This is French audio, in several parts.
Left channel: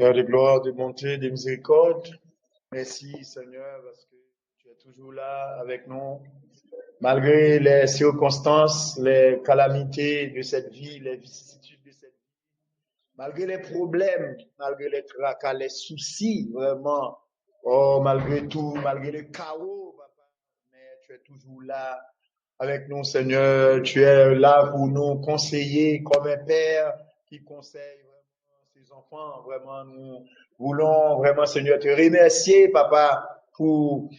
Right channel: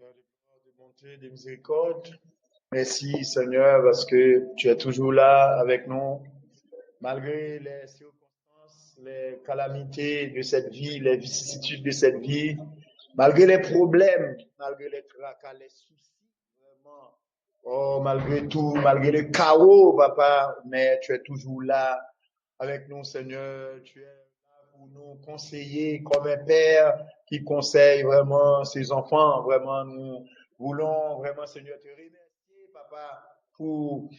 Père de gloire, de bonté, de miséricorde, merci Seigneur parce que tu es toujours là avec nous, malgré les circonstances, les calamités de cette vie, les vicissitudes de cette vie, malgré les problèmes, malgré les tracas, les soucis, vraiment, oh, malgré tout, malgré le chaos, papa, mais tu es toujours là avec nous, Seigneur. Tu es là pour nous conseiller comme un père qui conseille vraiment ses enfants. Vraiment, nous voulons vraiment, Seigneur, te remercier, papa, pour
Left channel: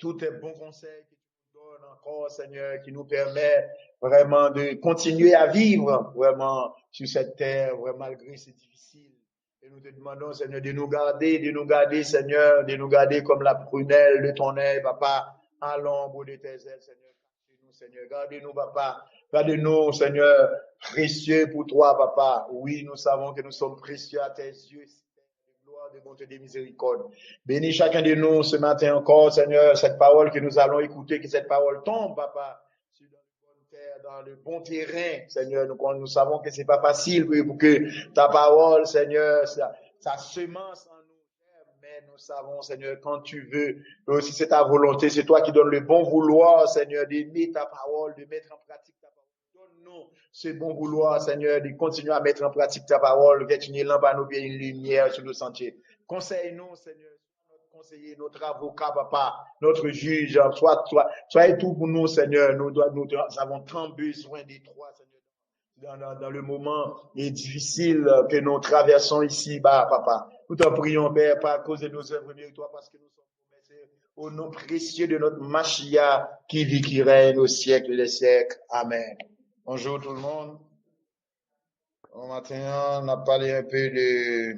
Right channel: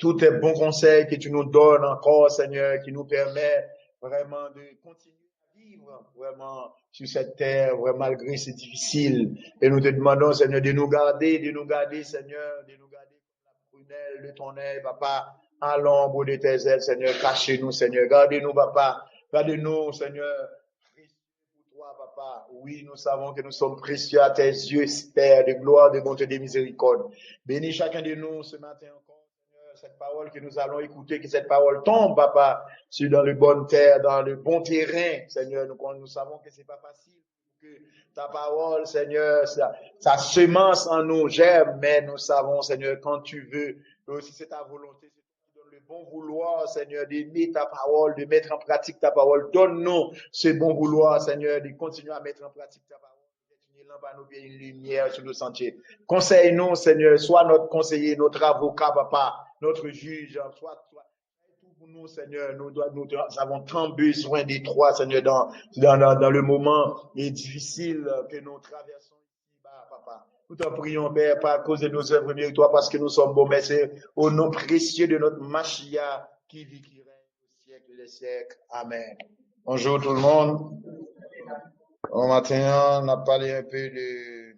tous tes bons conseils que tu nous donnes encore, Seigneur, qui nous permet vraiment de continuer à vivre vraiment sur cette terre, vraiment malgré c'est difficile. Et nous te demandons, Seigneur, de nous garder, Seigneur, de nous garder comme la prunelle de ton œil, papa, à l'ombre de tes ailes, Seigneur. Cachez-nous, Seigneur. Gardez-nous, papa. Gardez-nous, Seigneur, précieux pour toi, papa. Oui, nous savons que nous sommes précieux à tes yeux, Père, de gloire, de bonté, de miséricorde. Bénis chacun de nous ce matin encore, Seigneur, cette parole que nous allons écouter, que cette parole tombe, papa, sur dans le bon terre, dans le bon terrain, Seigneur. Nous savons que c'est pas facile pour que ta parole, Seigneur, sa semence en nous germe, mais nous savons, Seigneur, quand tu veux, si c'est ta volonté, c'est toi qui donnes le bon vouloir, Seigneur, d'aimer ta parole, de mettre en pratique ta parole. Donne-nous ce bon vouloir, Seigneur, de continuer à mettre en pratique ta parole, d'être une lampe à nos pieds, une lumière sur nos sentiers. Conseille-nous, Seigneur, sois notre conseiller, notre avocat, papa, notre juge, sois tout pour nous, Seigneur. Nous avons tant besoin des trois, Seigneur, dans le moment difficile que nous traversons ici, bah, papa. Nous t'en prions, Père, pas à cause de nos œuvres méritoires, parce que nous sommes beaux, mais c'est au nom précieux de notre Machia qui vit, qui règne au siècle des siècles. Amen. Bonjour tout le monde. Au matin, on a parlé un peu de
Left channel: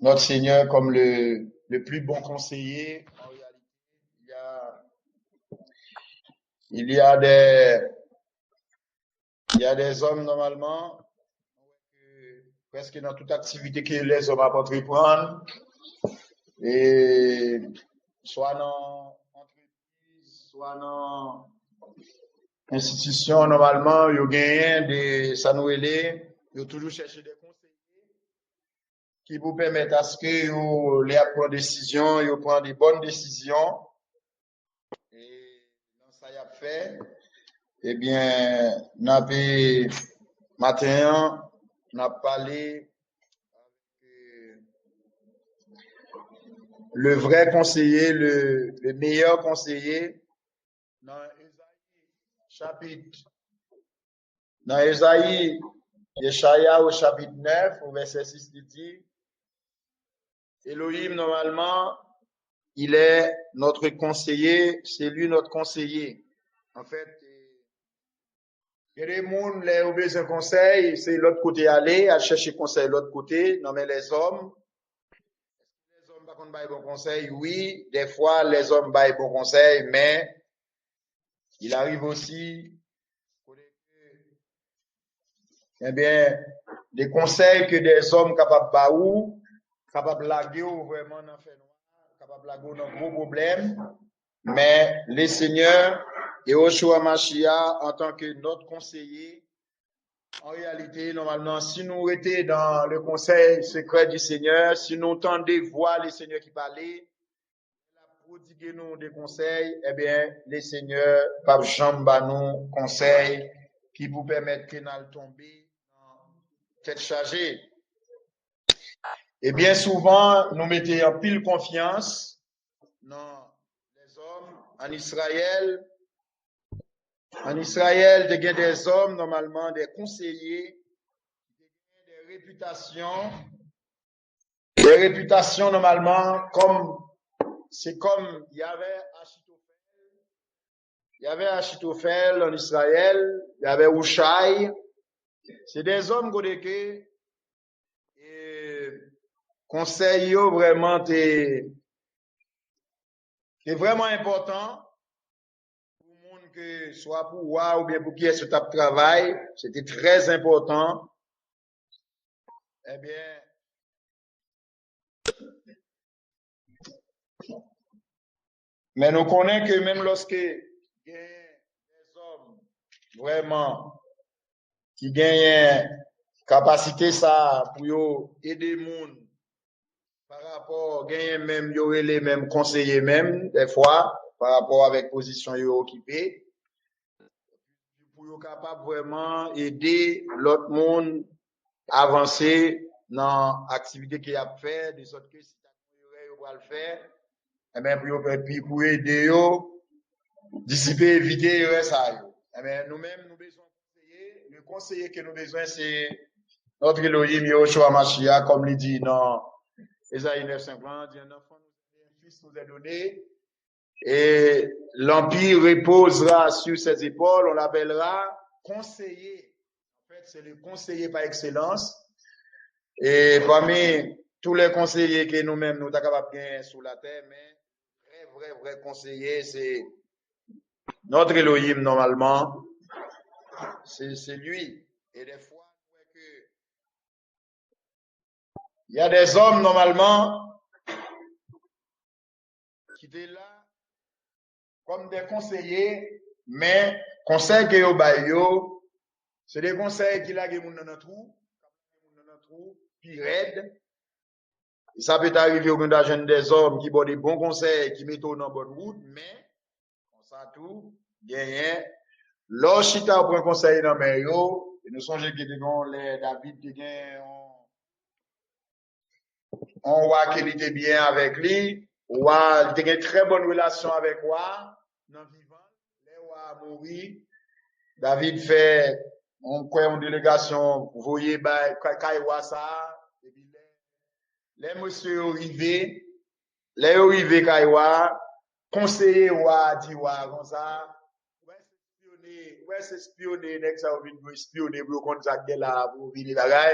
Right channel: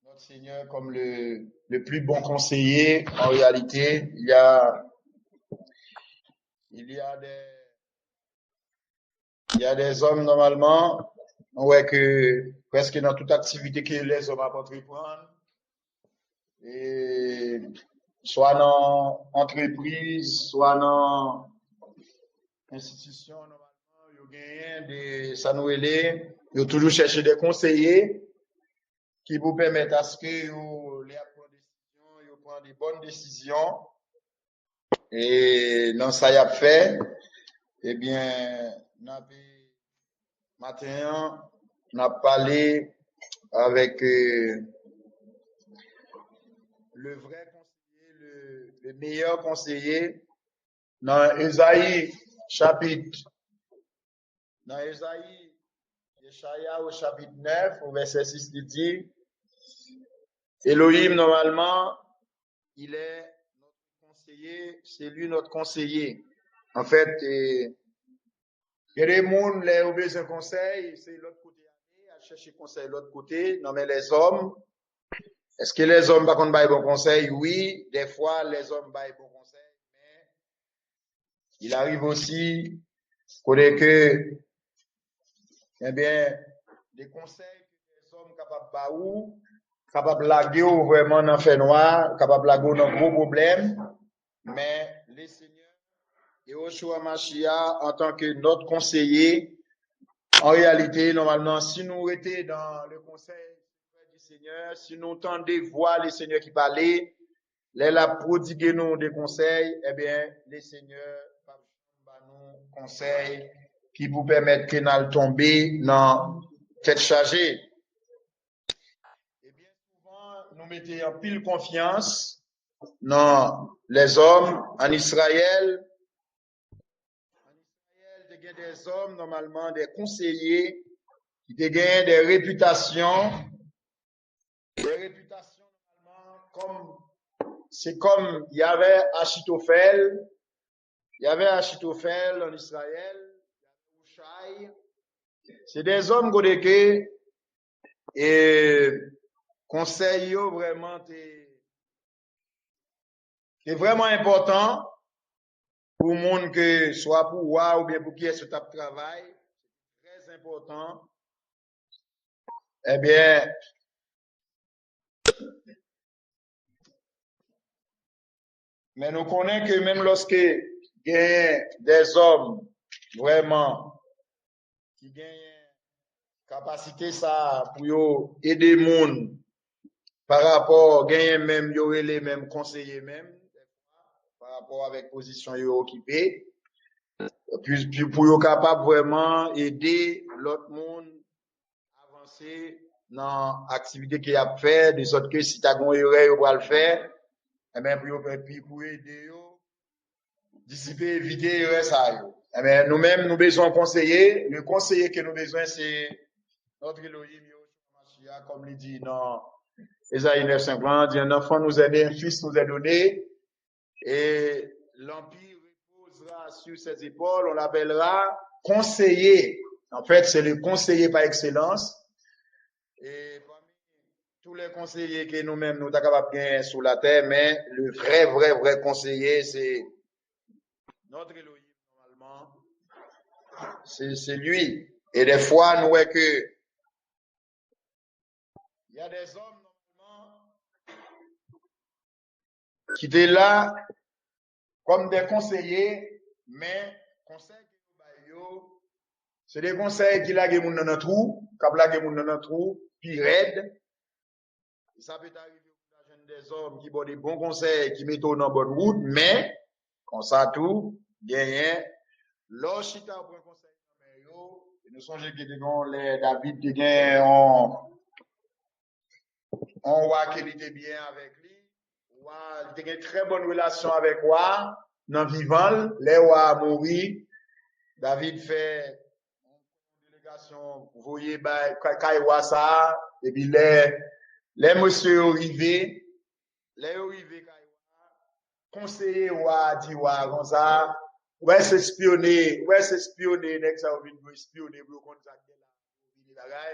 notre Seigneur comme le plus bon conseiller. En réalité, il y a des hommes normalement, ouais, que presque dans toute activité que les hommes peuvent entreprendre, et soit dans entreprise, soit dans institution, normalement, ils gagnent des sanouélés, ils toujours chercher des conseillers qui vous permettent à ce que vous les prendre des décisions, vous prendre des bonnes décisions. Et dans ça, y a fait, eh bien, matin, on a parlé avec le vrai conseiller, le meilleur conseiller, dans Ésaïe chapitre, dans Ésaïe, Yeshaya au chapitre 9, au verset 6, il dit, Elohim, normalement, il est notre conseiller, c'est lui notre conseiller. En fait, il y a des gens, les ont besoin de conseil, c'est l'autre côté aller, à chercher conseil l'autre côté. Non, mais les hommes, est-ce que les hommes par contre baillent bon conseil? Oui, des fois les hommes baillent bon conseil, mais il arrive aussi que, eh bien, des conseils que des hommes capables baou, capables de laguer vraiment dans fait noir, capables de laguer dans gros problèmes, mais les seigneurs et Yoshua Mashiach en tant que notre conseiller, en réalité, normalement, si nous étions dans le conseil secret du Seigneur, si nous entendions voir les seigneurs qui parlaient, les la prodiguer nous des conseils, eh bien, les seigneurs, par jamba nous conseils qui vous permettent que nous tomber dans tête chargée. Et bien souvent, nous mettons en pile confiance dans les hommes en Israël. En Israël, il y a des hommes, normalement, des conseillers, qui ont des réputations normalement, c'est comme il y avait Achitophel en Israël, il y avait Hushai. C'est des hommes qui et conseil vraiment c'est vraiment important pour le monde que soit pour moi ou bien pour qui est ce travail, c'était très important. Eh bien, mais nous connaissons que même lorsque il y a des hommes vraiment qui gagnent capacité ça pour yo aider monde par rapport gagner même yo les mêmes conseillers même des fois par rapport avec position yo occupé puis pour yo capable vraiment aider l'autre monde avancer dans l'activité qu'il a fait de sorte que si t'as gon erreur yo va le faire et bien pour aider yo dissiper éviter erreur ça yo. Et bien nous-mêmes nous besoin conseiller, le conseiller que nous besoin c'est notre Elohim Yahushua Mashiach comme il dit dans Ésaïe 9:50, dit un enfant nous est né, un fils nous est donné et l'empire reposera sur ses épaules, on l'appellera conseiller. En fait, c'est le conseiller par excellence. Et parmi tous les conseillers que nous-mêmes nous sommes capables de gagner sur la terre, mais le vrai conseiller, c'est notre Elohim normalement. C'est lui. Et des fois, nous voyons que il y a des hommes normalement qui étaient là comme des conseillers, mais conseils que yo ba yo, c'est des conseils qui lage moun dans trou, qui lage moun dans trou, puis raide. Et ça peut arriver au grand jeune des hommes qui ont des bons conseils, qui mettent dans bonne route, mais comme ça tout, gagné. Lorsqu'ita prend conseil dans main yo, et nous songeons que les David qui gagne on voit qu'il était bien avec lui, ou il était une très bonne relation avec moi, dans vivant, les wa mouri, David fait, on croit une délégation, vous voyez, Kaiwa ça, et puis les monsieur arrivés, Kaiwa, conseiller wa, dit wa, comme ça, ouais, c'est espionner, nek ça, vous espionner, vous contacter là, vous venez là,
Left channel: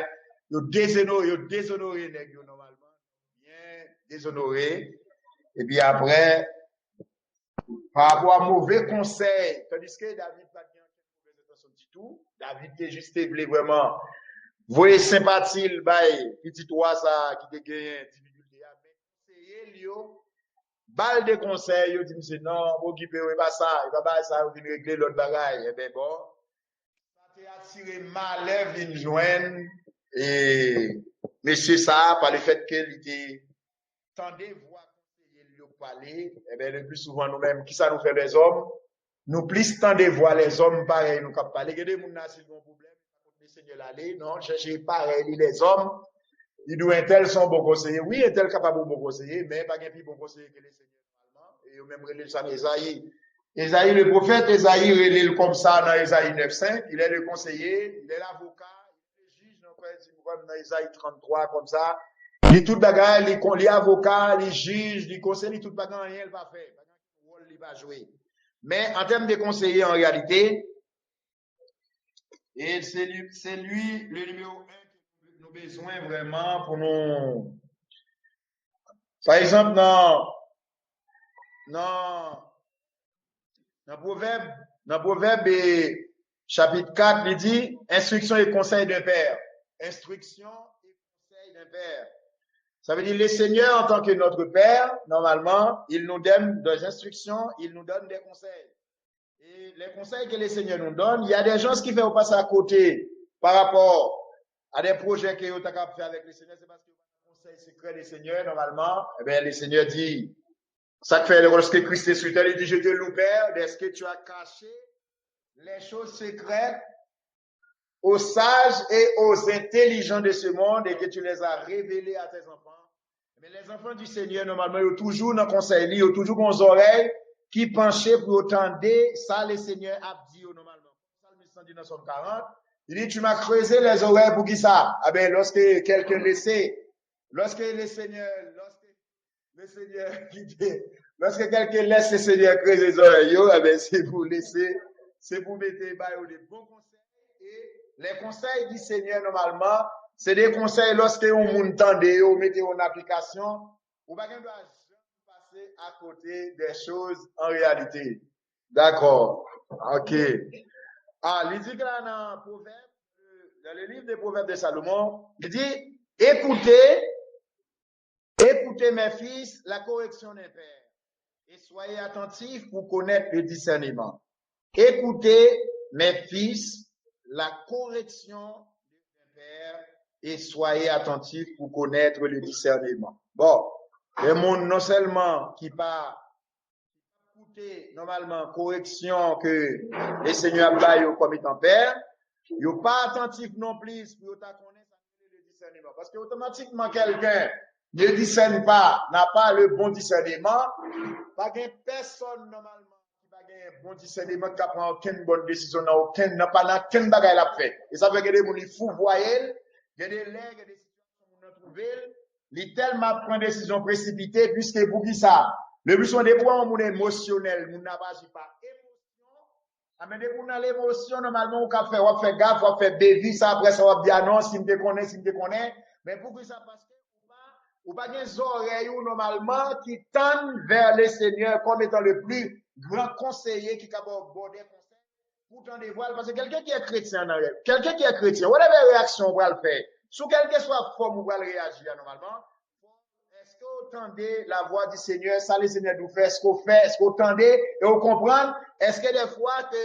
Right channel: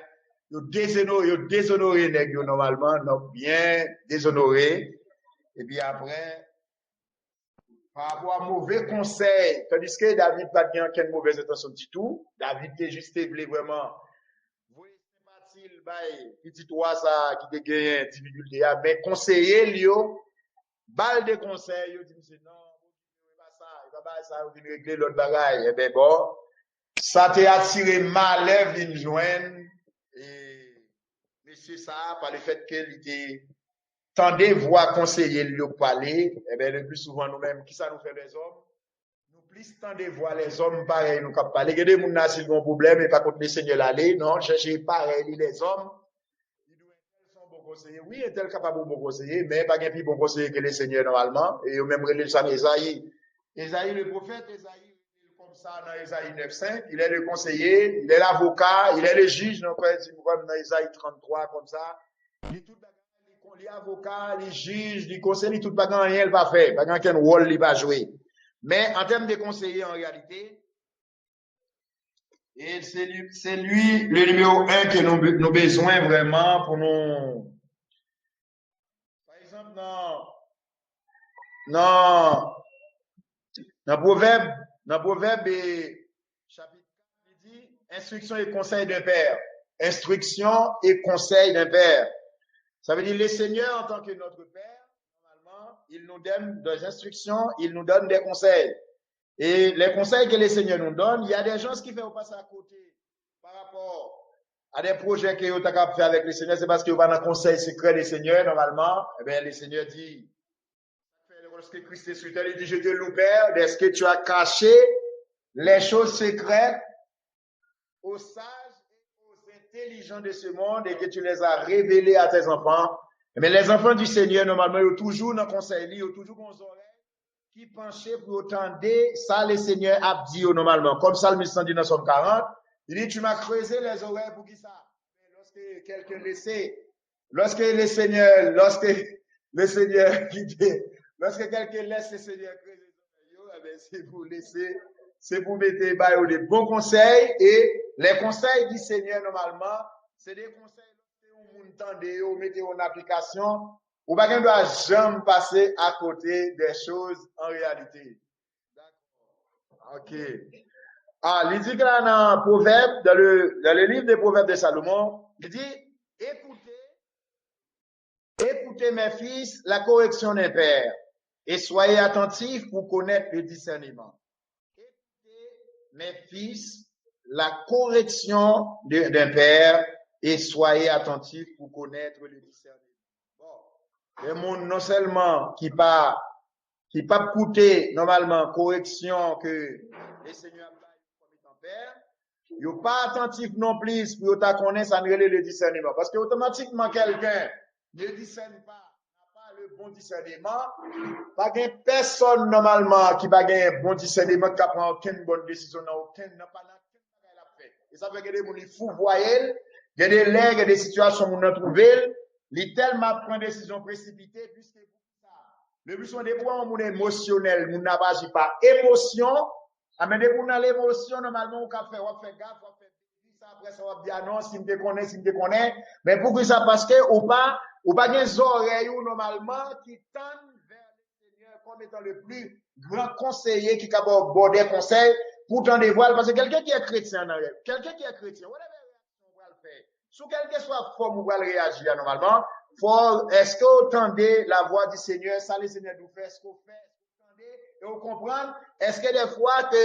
yo déshonoré nèg yo normalement donc bien déshonoré et puis après par rapport à mauvais conseil tandis que David pas bien aucune mauvaise intention du tout David était juste voulait vraiment voyer sympathie le bail petit toi ça qui te gagne difficulté mais conseiller lui balle de conseil yo dit monsieur non occuper pas ça il va pas ça il régler l'autre bagaille et ben bon ça t'a attiré malheur vinn joindre et monsieur ça, par le fait qu'il était tendez voix conseiller lui parler, et bien le plus souvent nous-mêmes, qui ça nous fait les hommes, nous plus tendez voir les hommes pareil, nous cap parler, que des gens s'ils ont un problème et pas contre le Seigneur l'aller, non, chercher pareil les hommes, ils doivent un tel sont bon conseiller, oui, un tel capable de bon conseiller, mais pas un plus bon conseiller que les seigneurs normalement, et même relève ça Esaïe. Esaïe, le prophète, Esaïe relève comme ça dans Esaïe 9:5, il est le conseiller, il est l'avocat, il est le juge, donc comme dans Esaïe 33, comme ça. Il est tout bagarre, il est avocat, il est juge, il conseille, il tout bagarre, rien il va faire, pas quel rôle il va jouer. Mais en termes de conseiller, en réalité, et c'est lui le numéro 1 que nous besoin vraiment pour nous. Par exemple, dans Proverbe chapitre 4, il dit instruction et conseil d'un père. Instruction et conseil d'un père. Ça veut dire le Seigneur en tant que notre père, normalement, il nous donne des instructions, il nous donne des conseils. Et les conseils que le Seigneur nous donne, il y a des gens qui font passer à côté par rapport à des projets que vous avez fait avec le Seigneur, c'est parce que vous avez un conseil secret du Seigneur, normalement. Eh bien, le Seigneur dit, ça fait lorsque Christ est sur terre, il dit, je te loue, Père, est-ce que tu as caché les choses secrètes aux sages et aux intelligents de ce monde et que tu les as révélées à tes enfants. Mais les enfants du Seigneur, normalement, ils ont toujours dans le conseil, ils ont toujours des oreilles qui penchaient pour entendre ça, le Seigneur a dit normalement. Comme ça, le ministre dit dans Somme 40, il dit, tu m'as creusé les oreilles pour qui ça? Ah ben, lorsque quelqu'un laissait, lorsque quelqu'un laisse le Seigneur creuser les oreilles, ah ben, c'est pour laisser, c'est pour mettre des bons conseils et les conseils du Seigneur, normalement, c'est des conseils lorsque on m'entend, on mettez en application, ou pas qu'on doit jamais passer à côté des choses en réalité. D'accord. OK. Ah, il dit que là, dans Proverbe, dans le livre des Proverbes de Salomon, il dit, écoutez mes fils, la correction d'un père, et soyez attentifs pour connaître le discernement. Écoutez mes fils, la correction d'un père et soyez attentifs pour connaître le discernement. Bon, le monde non seulement qui pas coûter normalement correction que les seigneurs baillent comme étant père, yo pas attentif non plus pour ta connaître ça le discernement parce que automatiquement quelqu'un ne discerne pas, n'a pas le bon discernement, pas gain personne normalement qui va gagner un bon discernement qui prend aucune bonne décision n'a pas bagaille l'a fait. Et ça fait que des gens fou voyez, il y a des lègues, il y a des situations où on trouve, il tellement prend décision précipitée puisque pour qui ça le but sont des points où émotionnel, nous n'avons pas émotion. Mais dès qu'on a l'émotion, normalement, on fait gaffe, on fait bévis, ça après ça va dire non, si me connaît. Mais pour que ça, parce que ou pas des oreilles normalement qui tendent vers le Seigneur comme étant le plus grand conseiller qui capable border conseil pour t'en dévoiler. Parce que quelqu'un qui est chrétien, whatever réaction on va le faire, sous quelque soit forme on va réagir normalement. Est-ce que vous entendez la voix du Seigneur, ça le Seigneur nous fait, est-ce que vous entendez et vous comprenez, est-ce que des fois que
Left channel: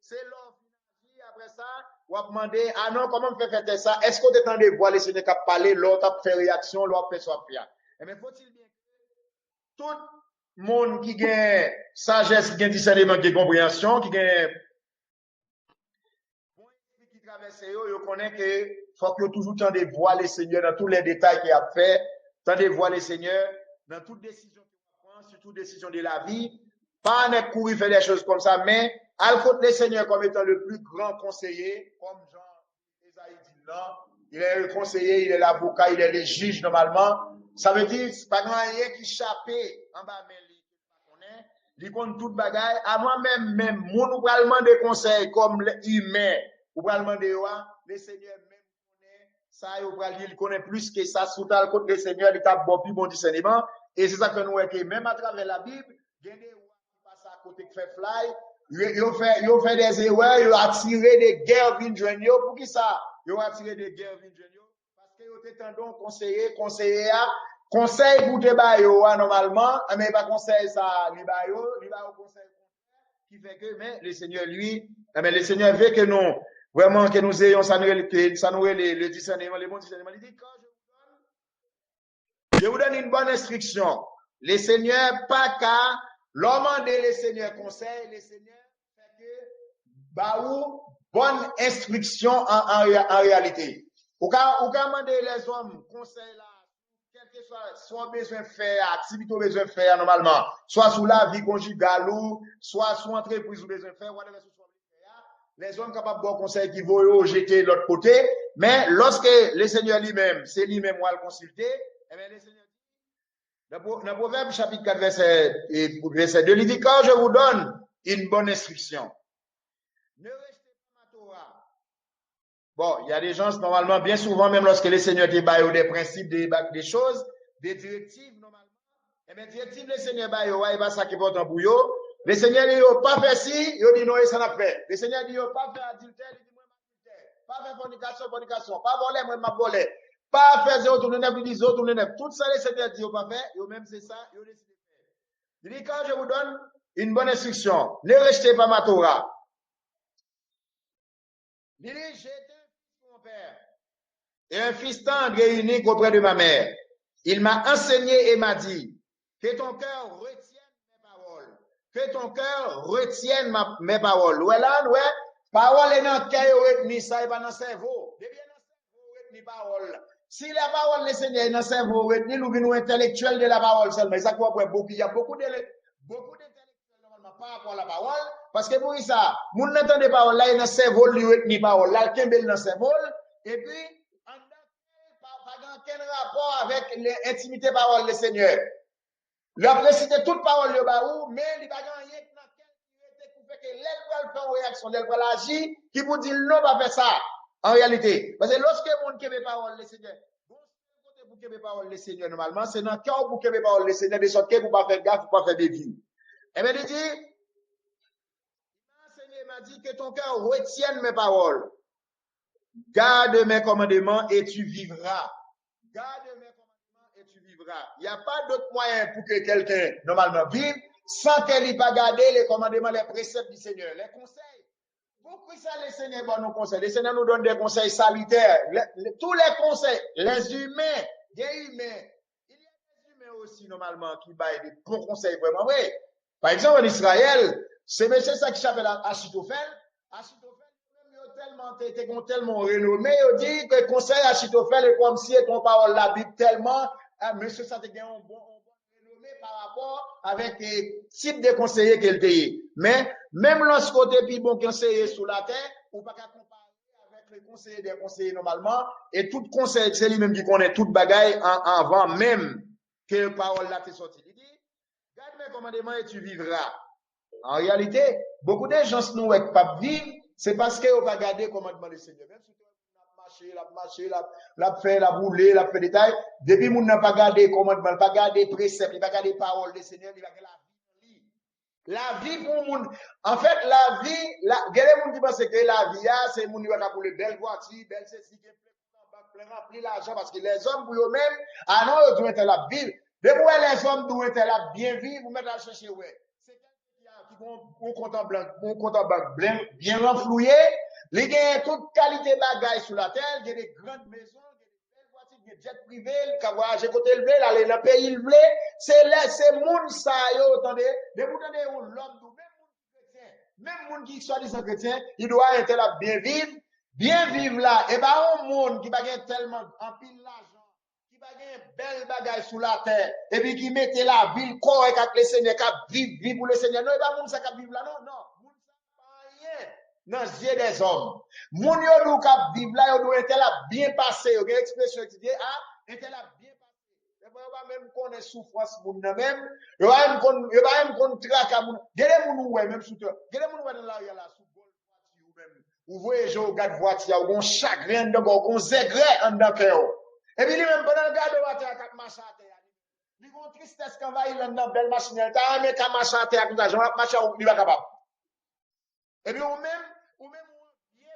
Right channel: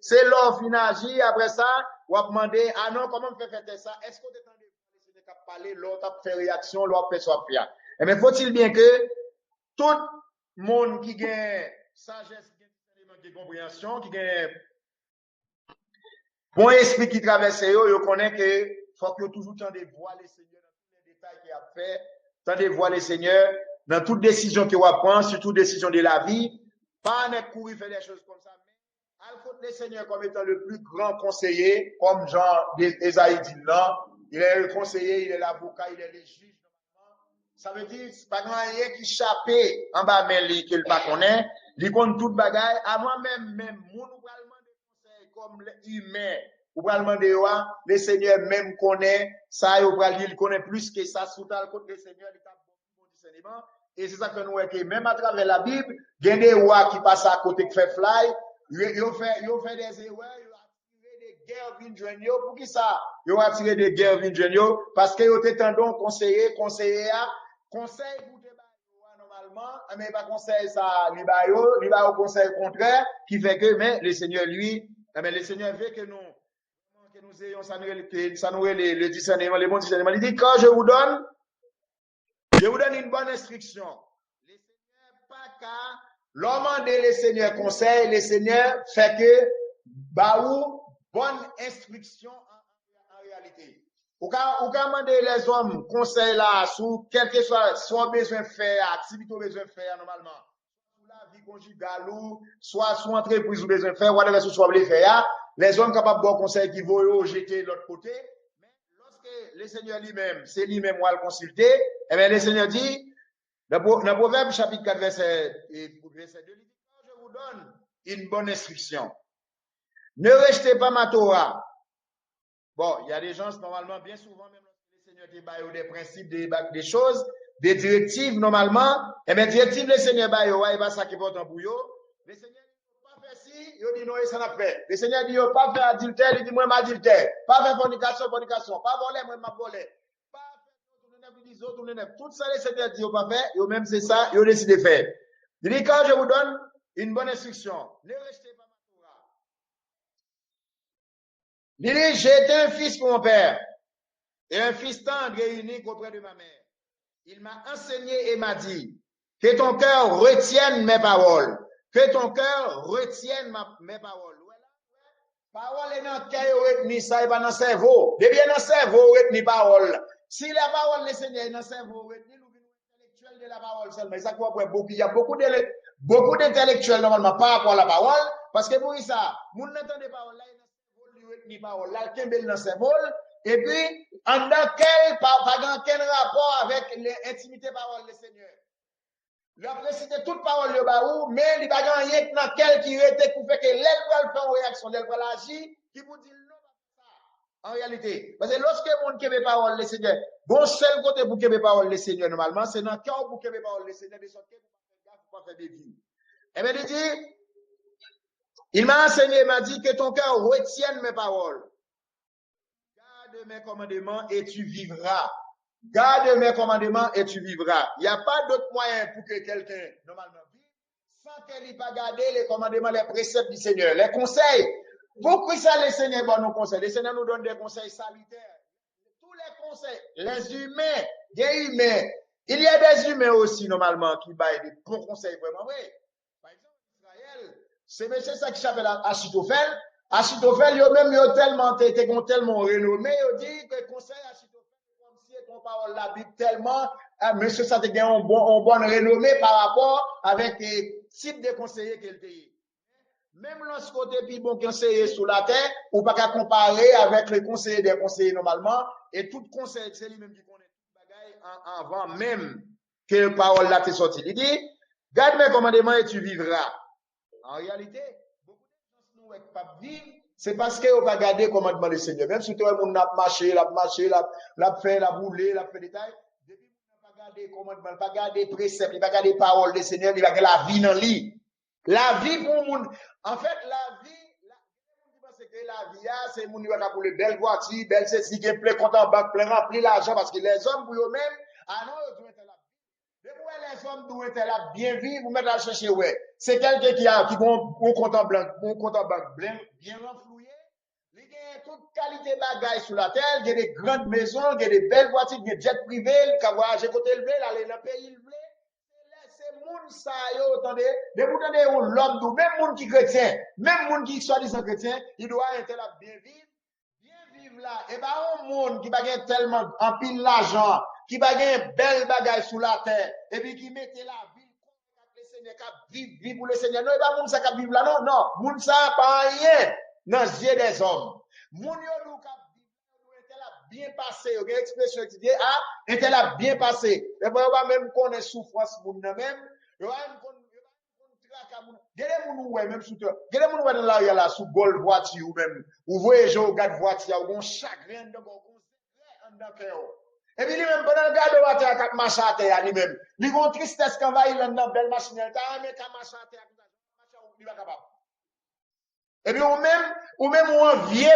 c'est l'offre finagir, après ça, vous demandez, ah non, comment on fait faire ça, est-ce que vous entendez voir le Seigneur qui a parlé, l'autre a fait réaction, l'autre fait soit faire. Eh bien, faut-il bien que tout le monde qui gagne sagesse, qui gagne discernement, qui gagne compréhension, qui gagne bon esprit qui traverse, vous connaît que faut que toujours entendez voir le Seigneur dans tous les détails qu'il a fait. Tendez voir le Seigneur dans toute décision qu'il va prendre, surtout décision de la vie. Pas en courir faire des choses comme ça, mais à côté le Seigneur comme étant le plus grand conseiller, comme Jean Esaïe dit là, il est le conseiller, il est l'avocat, il est le juge normalement. Ça veut dire, c'est pas rien qui échappé en bas, mais qu'il pas connaît. Il compte toute bagaille. Avant même, mon vraiment des conseils comme l'humain, ou va demander, le Seigneur même connaît, ça, il connaît plus que ça, sous le côté le Seigneur, il a bon plus bon discernement. Et c'est ça que nous voyons que même à travers la Bible, il y a des rois qui passent à côté qui fait fly, ils ont fait des erreurs, ils ont attiré des guerres vignes pour qui ça? Ils ont attiré des guerres vignes parce qu'ils ont été tendance conseiller, conseil pour te bailler normalement, mais pas conseil ça, il va au conseil contraire, qui fait que, mais le Seigneur, lui, mais le Seigneur veut que nous, vraiment, que nous ayons ça nous le discernement, le bon discernement. Il dit, quand je vous donne une bonne instruction. Le Seigneur, pas qu'à l'homme le Seigneur conseil, le Seigneur fait que, baou, bonne instruction en réalité. Ou quand demander les hommes conseil là, sur quel que soit besoin de faire, activité besoin de faire normalement, soit sous la vie conjugale ou, soit sous entreprise ou besoin de faire, whatever ce soit voulez faire, les hommes capables de bon conseil qui vont jeter de l'autre côté, mais lorsque le Seigneur lui-même, c'est lui-même qui va le consulter, eh bien, le Seigneur dit, dans Proverbe chapitre 4, verset 2, il dit, quand je vous donne une bonne instruction, ne rejetez pas ma Torah. Bon, il y a des gens, normalement, bien souvent, même lorsque le Seigneur te baille des principes, des choses, des directives, normalement, eh bien, directives, le Seigneur baille, il va ça qui porte en bouillon. Le Seigneur dit, pas faire ci, il dit non, ça n'a fait. Le Seigneur dit, pas faire adultère, il dit, moi, m'adultère. Pas faire fornication. Pas voler, moi, m'a volé. Pas faire 0 tourner 9, il dit 0 tourner 9. Tout ça, le Seigneur dit, pas faire, et même c'est ça, il décide de faire. Il dit, quand je vous donne une bonne instruction, ne rejetez pas ma Torah. Il dit, j'ai été un fils pour mon père, et un fils tendre et unique auprès de ma mère. Il m'a enseigné et m'a dit, que ton cœur retienne mes paroles. Que ton cœur retienne mes paroles. Ouais, là, ouais, parole est dans le cœur, retenu, ça est pas dans le cerveau. De bien dans le cerveau, retenu parole. Si la parole, le Seigneur est dans le cerveau, retenu, nous intellectuels de la parole seulement. Ça quoi, il y a beaucoup d'intellectuels, normalement, par rapport à la parole. Parce que pour ça, nous n'entendons pas parole, là, il y a dans le cerveau, lui, retenu parole. Là, il y a dans le cerveau. Et puis, en dans quel rapport avec l'intimité parole du Seigneur? Il a précisé toute parole de baou, mais il n'y a pas rien dans quel qui était pour faire que l'aile va faire une réaction, l'aile va agir, qui vous dit non, va faire ça. En réalité. Parce que lorsque vous ne parole le Seigneur, bon seul côté pour que parole le Seigneur, normalement, c'est dans le cœur pour que parole le Seigneur, de sorte que vous ne pas faire gaffe, pour pas faire des vies. Eh bien, il dit, il m'a enseigné, il m'a dit que ton cœur retienne mes paroles. Garde mes commandements et tu vivras. Garde mes commandements et tu vivras. Il n'y a pas d'autre moyen pour que quelqu'un, normalement, vive sans qu'elle n'ait pas gardé les commandements, les préceptes du Seigneur, les conseils. Pourquoi ça, les Seigneurs donnent nos conseils? Les Seigneurs nous donnent des conseils salutaires. Tous les conseils, les humains, des humains. Il y a des humains aussi, normalement, qui baillent des bons conseils vraiment vrai. Par exemple, en Israël, c'est monsieur ça qui s'appelle Achitophel. Achitophel, yo même, yo tellement, tellement renommé, yo dit que le conseil Achitophel est comme si ton parole la Bible tellement, monsieur ça te gagne un bon renommé par rapport avec le type de conseiller qu'il était. Mais, même lorsque côté puis bon conseiller sous la terre, ou pas qu'à comparer avec les conseillers des conseillers normalement, et tout conseil, c'est lui-même qui connaît toute bagaille avant même que parole là t'est sortie. Il dit, garde mes commandements et tu vivras. En réalité, beaucoup de gens nous ne pas vivre, c'est parce qu'ils n'ont pas gardé le commandement du Seigneur. Même si tout le monde a marché, l'a fait, l'a roulé, l'a fait des détails, depuis que n'a pas gardé le commandement, pas gardé les préceptes, il n'a pas gardé les paroles du Seigneur, il va garder la vie dans lui. La vie pour le monde. En fait, la vie, il y a des gens qui pensent que la vie, c'est le monde qui va pour les belles voitures, belles ceci, qui est plein compte en banque, plein rempli l'argent, parce que les hommes, pour eux-mêmes, ah non, ils doivent être la ville. Mais pour les hommes doivent être là bien vivre, vous mettez à chercher, ouais. C'est quelqu'un qui a un compte en banque bien renfloué, il y a toute qualité de bagaille sur la terre, il y a des grandes maisons, il y a des belles voitures, il y a des jets privés, qui voyagent côté élevé, aller dans le pays élevé. C'est là, c'est moun ça, yo, attendez, de vous donner l'homme, même moun qui chrétien, même moun qui soit disant chrétien, il doit être là bien vivre là. Et ben, un monde qui va gagner tellement en pile l'argent, qui va gagner belle bagaille sous la terre, et puis qui mette la ville correcte avec le Seigneur, qui vivre pour le Seigneur. Non, et pas moun ça qui vivre là, non, moun ça pas rien dans les yeux des hommes. Moun yo nou kap vivre là, yo nou était là bien passé, yo gen expression qui dit, ah, était là bien passé. Et puis, yo va même connaître souffrance moun nan même, yo va même connaître traka moun. Gade moun oué, même sous toi. Gade moun oué dans la là, sous gold voiture ou même, ou voyez, yo gade voiture, ou gon chagrin de gon zègre en dans cœur. Et puis, lui-même, pendant le garde voiture, kap machin à terre, lui-même. Lui gon tristesse quand va il dans belle machine, ta mais ka machin à terre, comme ça, j'en machin ou lui va capable. Et puis, ou même, ou un vieux,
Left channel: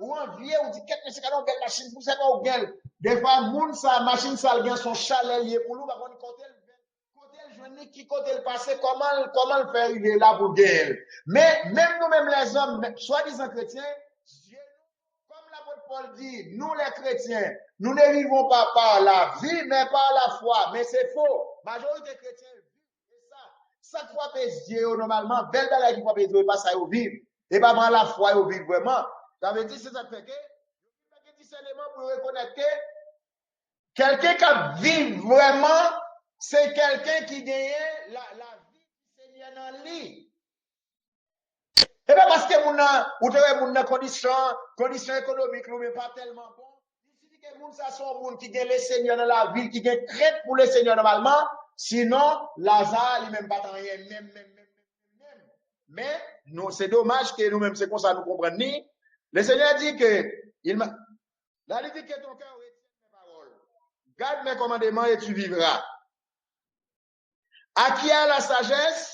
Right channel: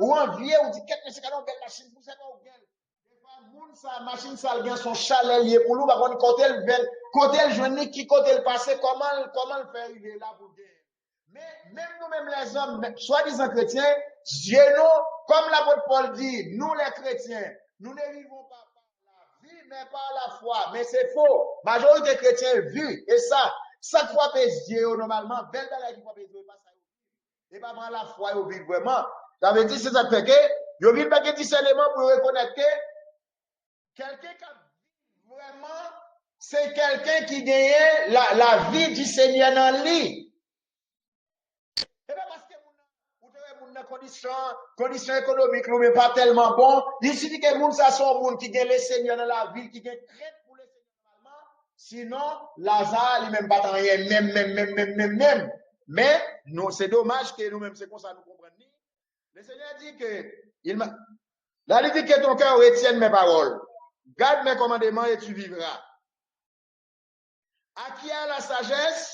ou un vieux, ou dit, qu'est-ce que c'est qu'on belle machine, pour ça qu'on gagne. Des fois, moun, sa machine, ça, gagne son chalet lié pour nous, par contre, côté le journée, qui côté le passé, comment le faire arriver là pour gagner. Mais, même nous-mêmes, les hommes, soi-disant chrétiens, Dieu nous, comme l'apôtre Paul dit, nous les chrétiens, nous ne vivons pas par la vie, mais par la foi. Mais c'est faux. Majorité chrétiens vivent. Et ça, chaque fois que Dieu, normalement, belle belle qui fois que Dieu, pas ça, ils vivent. Et pas dans la foi, ils vivent vraiment. Ça veut dire, c'est ça fait que, ils vivent pas que discernement pour reconnaître que quelqu'un qui vit vraiment, c'est quelqu'un qui gagne la vie du Seigneur dans lui. Et bien parce que mon condition économique nous n'est pas tellement bon, il suffit que moun ça sont moun qui gagne le Seigneur dans la ville, qui gagne crainte pour le Seigneur normalement, sinon Lazare lui même pas rien, même. Mais non, c'est dommage que nous-mêmes c'est comme ça nous comprenons ni. Le Seigneur dit que il dit que ton cœur retienne mes paroles. Garde mes commandements et tu vivras. À qui a la sagesse?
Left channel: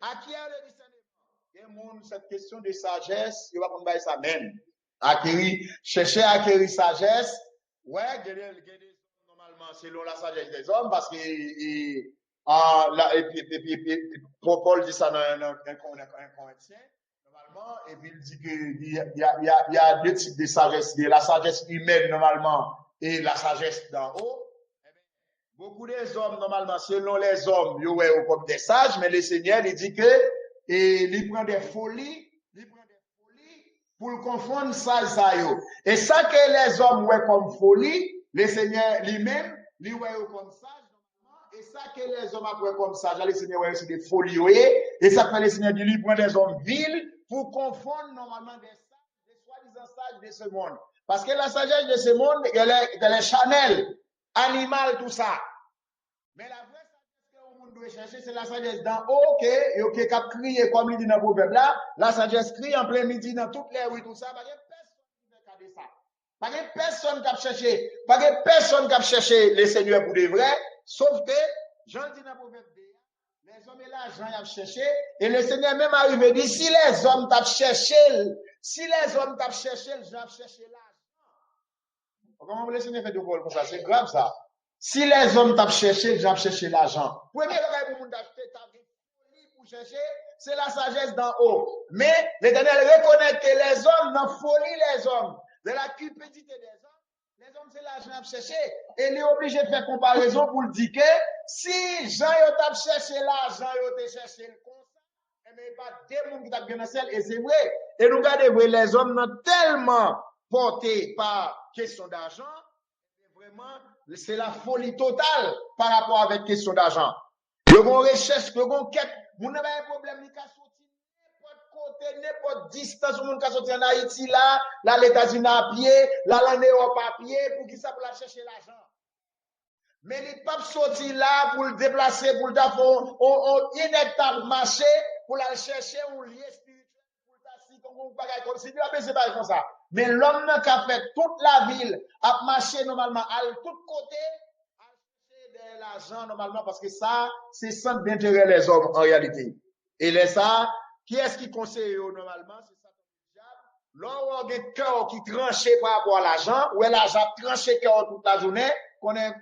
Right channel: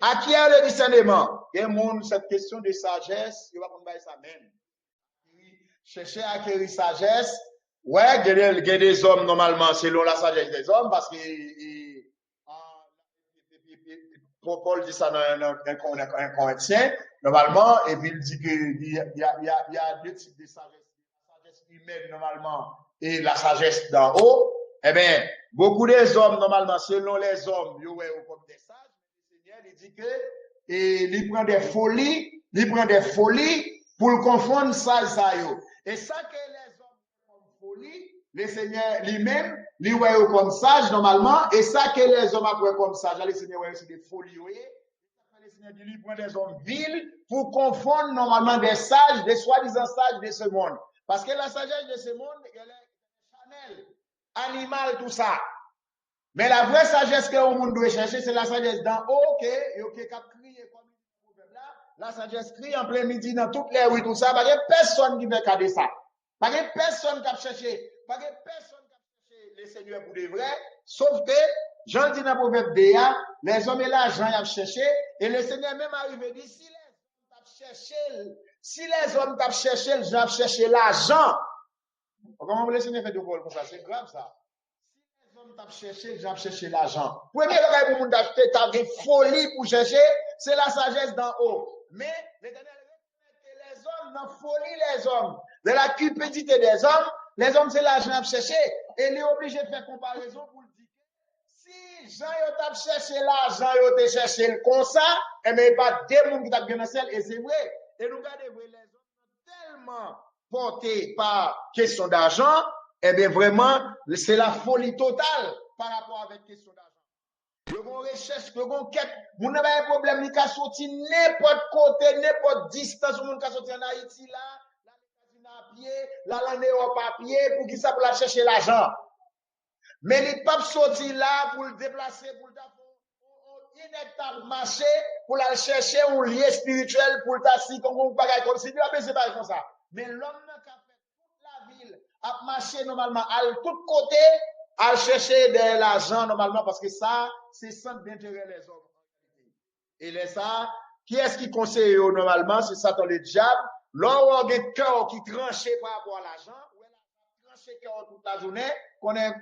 À qui a le discernement? Il y a cette question de sagesse, il va prendre ça même. Chercher à acquérir sagesse. Ouais, il y a des hommes normalement selon la sagesse des hommes parce que Paul dit ça dans un Corinthien normalement et puis il dit qu'il y a deux types de sagesse. Il y a la sagesse humaine normalement et la sagesse d'en haut. Eh bien, beaucoup des hommes, normalement, selon les hommes, ils sont comme des sages, mais le Seigneur, il dit que, il prend des folies pour le confondre ça, yo. Et ça que les hommes voient comme folie, le Seigneur lui-même, lui voit comme sage, normalement, et ça que les hommes voient comme sage, le Seigneur voit c'est des folies, et ça que le Seigneur dit, lui prend des hommes vils pour confondre, normalement, des sages, des soi-disant sages de ce monde. Parce que la sagesse de ce monde, elle est charnelle, animale, tout ça. Mais la vraie sagesse que le monde doit chercher, c'est la sagesse d'en haut, qui a crié, comme il dit dans le proverbe là, la sagesse crie en plein midi dans toutes les rues, tout ça, parce que personne qui veut garder ça. Parce que personne qui a cherché les seigneurs pour de vrai, sauf que, Jean dit dans le proverbe DA, les hommes et l'argent y a cherché, et le Seigneur même arrivé dit, si les hommes t'ont cherché, ils ont cherché l'argent. Comment le Seigneur fait de vol pour ça? C'est grave ça. Si les hommes t'ont cherché, ils ont cherché l'argent. Premier bagage pour moun d'acheter, t'as des folies pour chercher, c'est la sagesse d'en haut. Mais l'Éternel reconnaît que les hommes n'en folie les hommes, de la cupidité des hommes c'est l'argent à chercher. Et il est obligé de faire comparaison pour le dire que si Jean a cherché l'argent, il a cherché le comme ça, eh bien, il n'y a pas de monde qui t'a bien dans ciel, et c'est vrai. Et nous regardons, les hommes sont tellement portés par question d'argent, eh bien, vraiment, c'est la folie totale par rapport avec question d'argent. Le gon recherche, le gon quête, vous n'avez pas un problème, il peut sortir n'importe côté, n'importe distance, vous peut sortir en Haïti là, les États-Unis à pied, là, l'Europe à pied, pour qui ça, pour la chercher l'argent. Mais il pas sortir là pour le déplacer, pour le faire un inétable marché, pour la chercher un lien spirituel, pour le tasser comme un bagage comme si, c'est pas comme ça. Mais l'homme qui a fait toute la ville, a marché normalement à tout côté, à chercher de l'argent normalement, parce que ça, c'est centre d'intérêt les hommes en réalité. Et les ça, qui est-ce qui conseille normalement? C'est Satan le diable. Là où on a un cœur qui tranche par rapport à l'argent, où l'argent tranche cœur toute la journée, qu'on est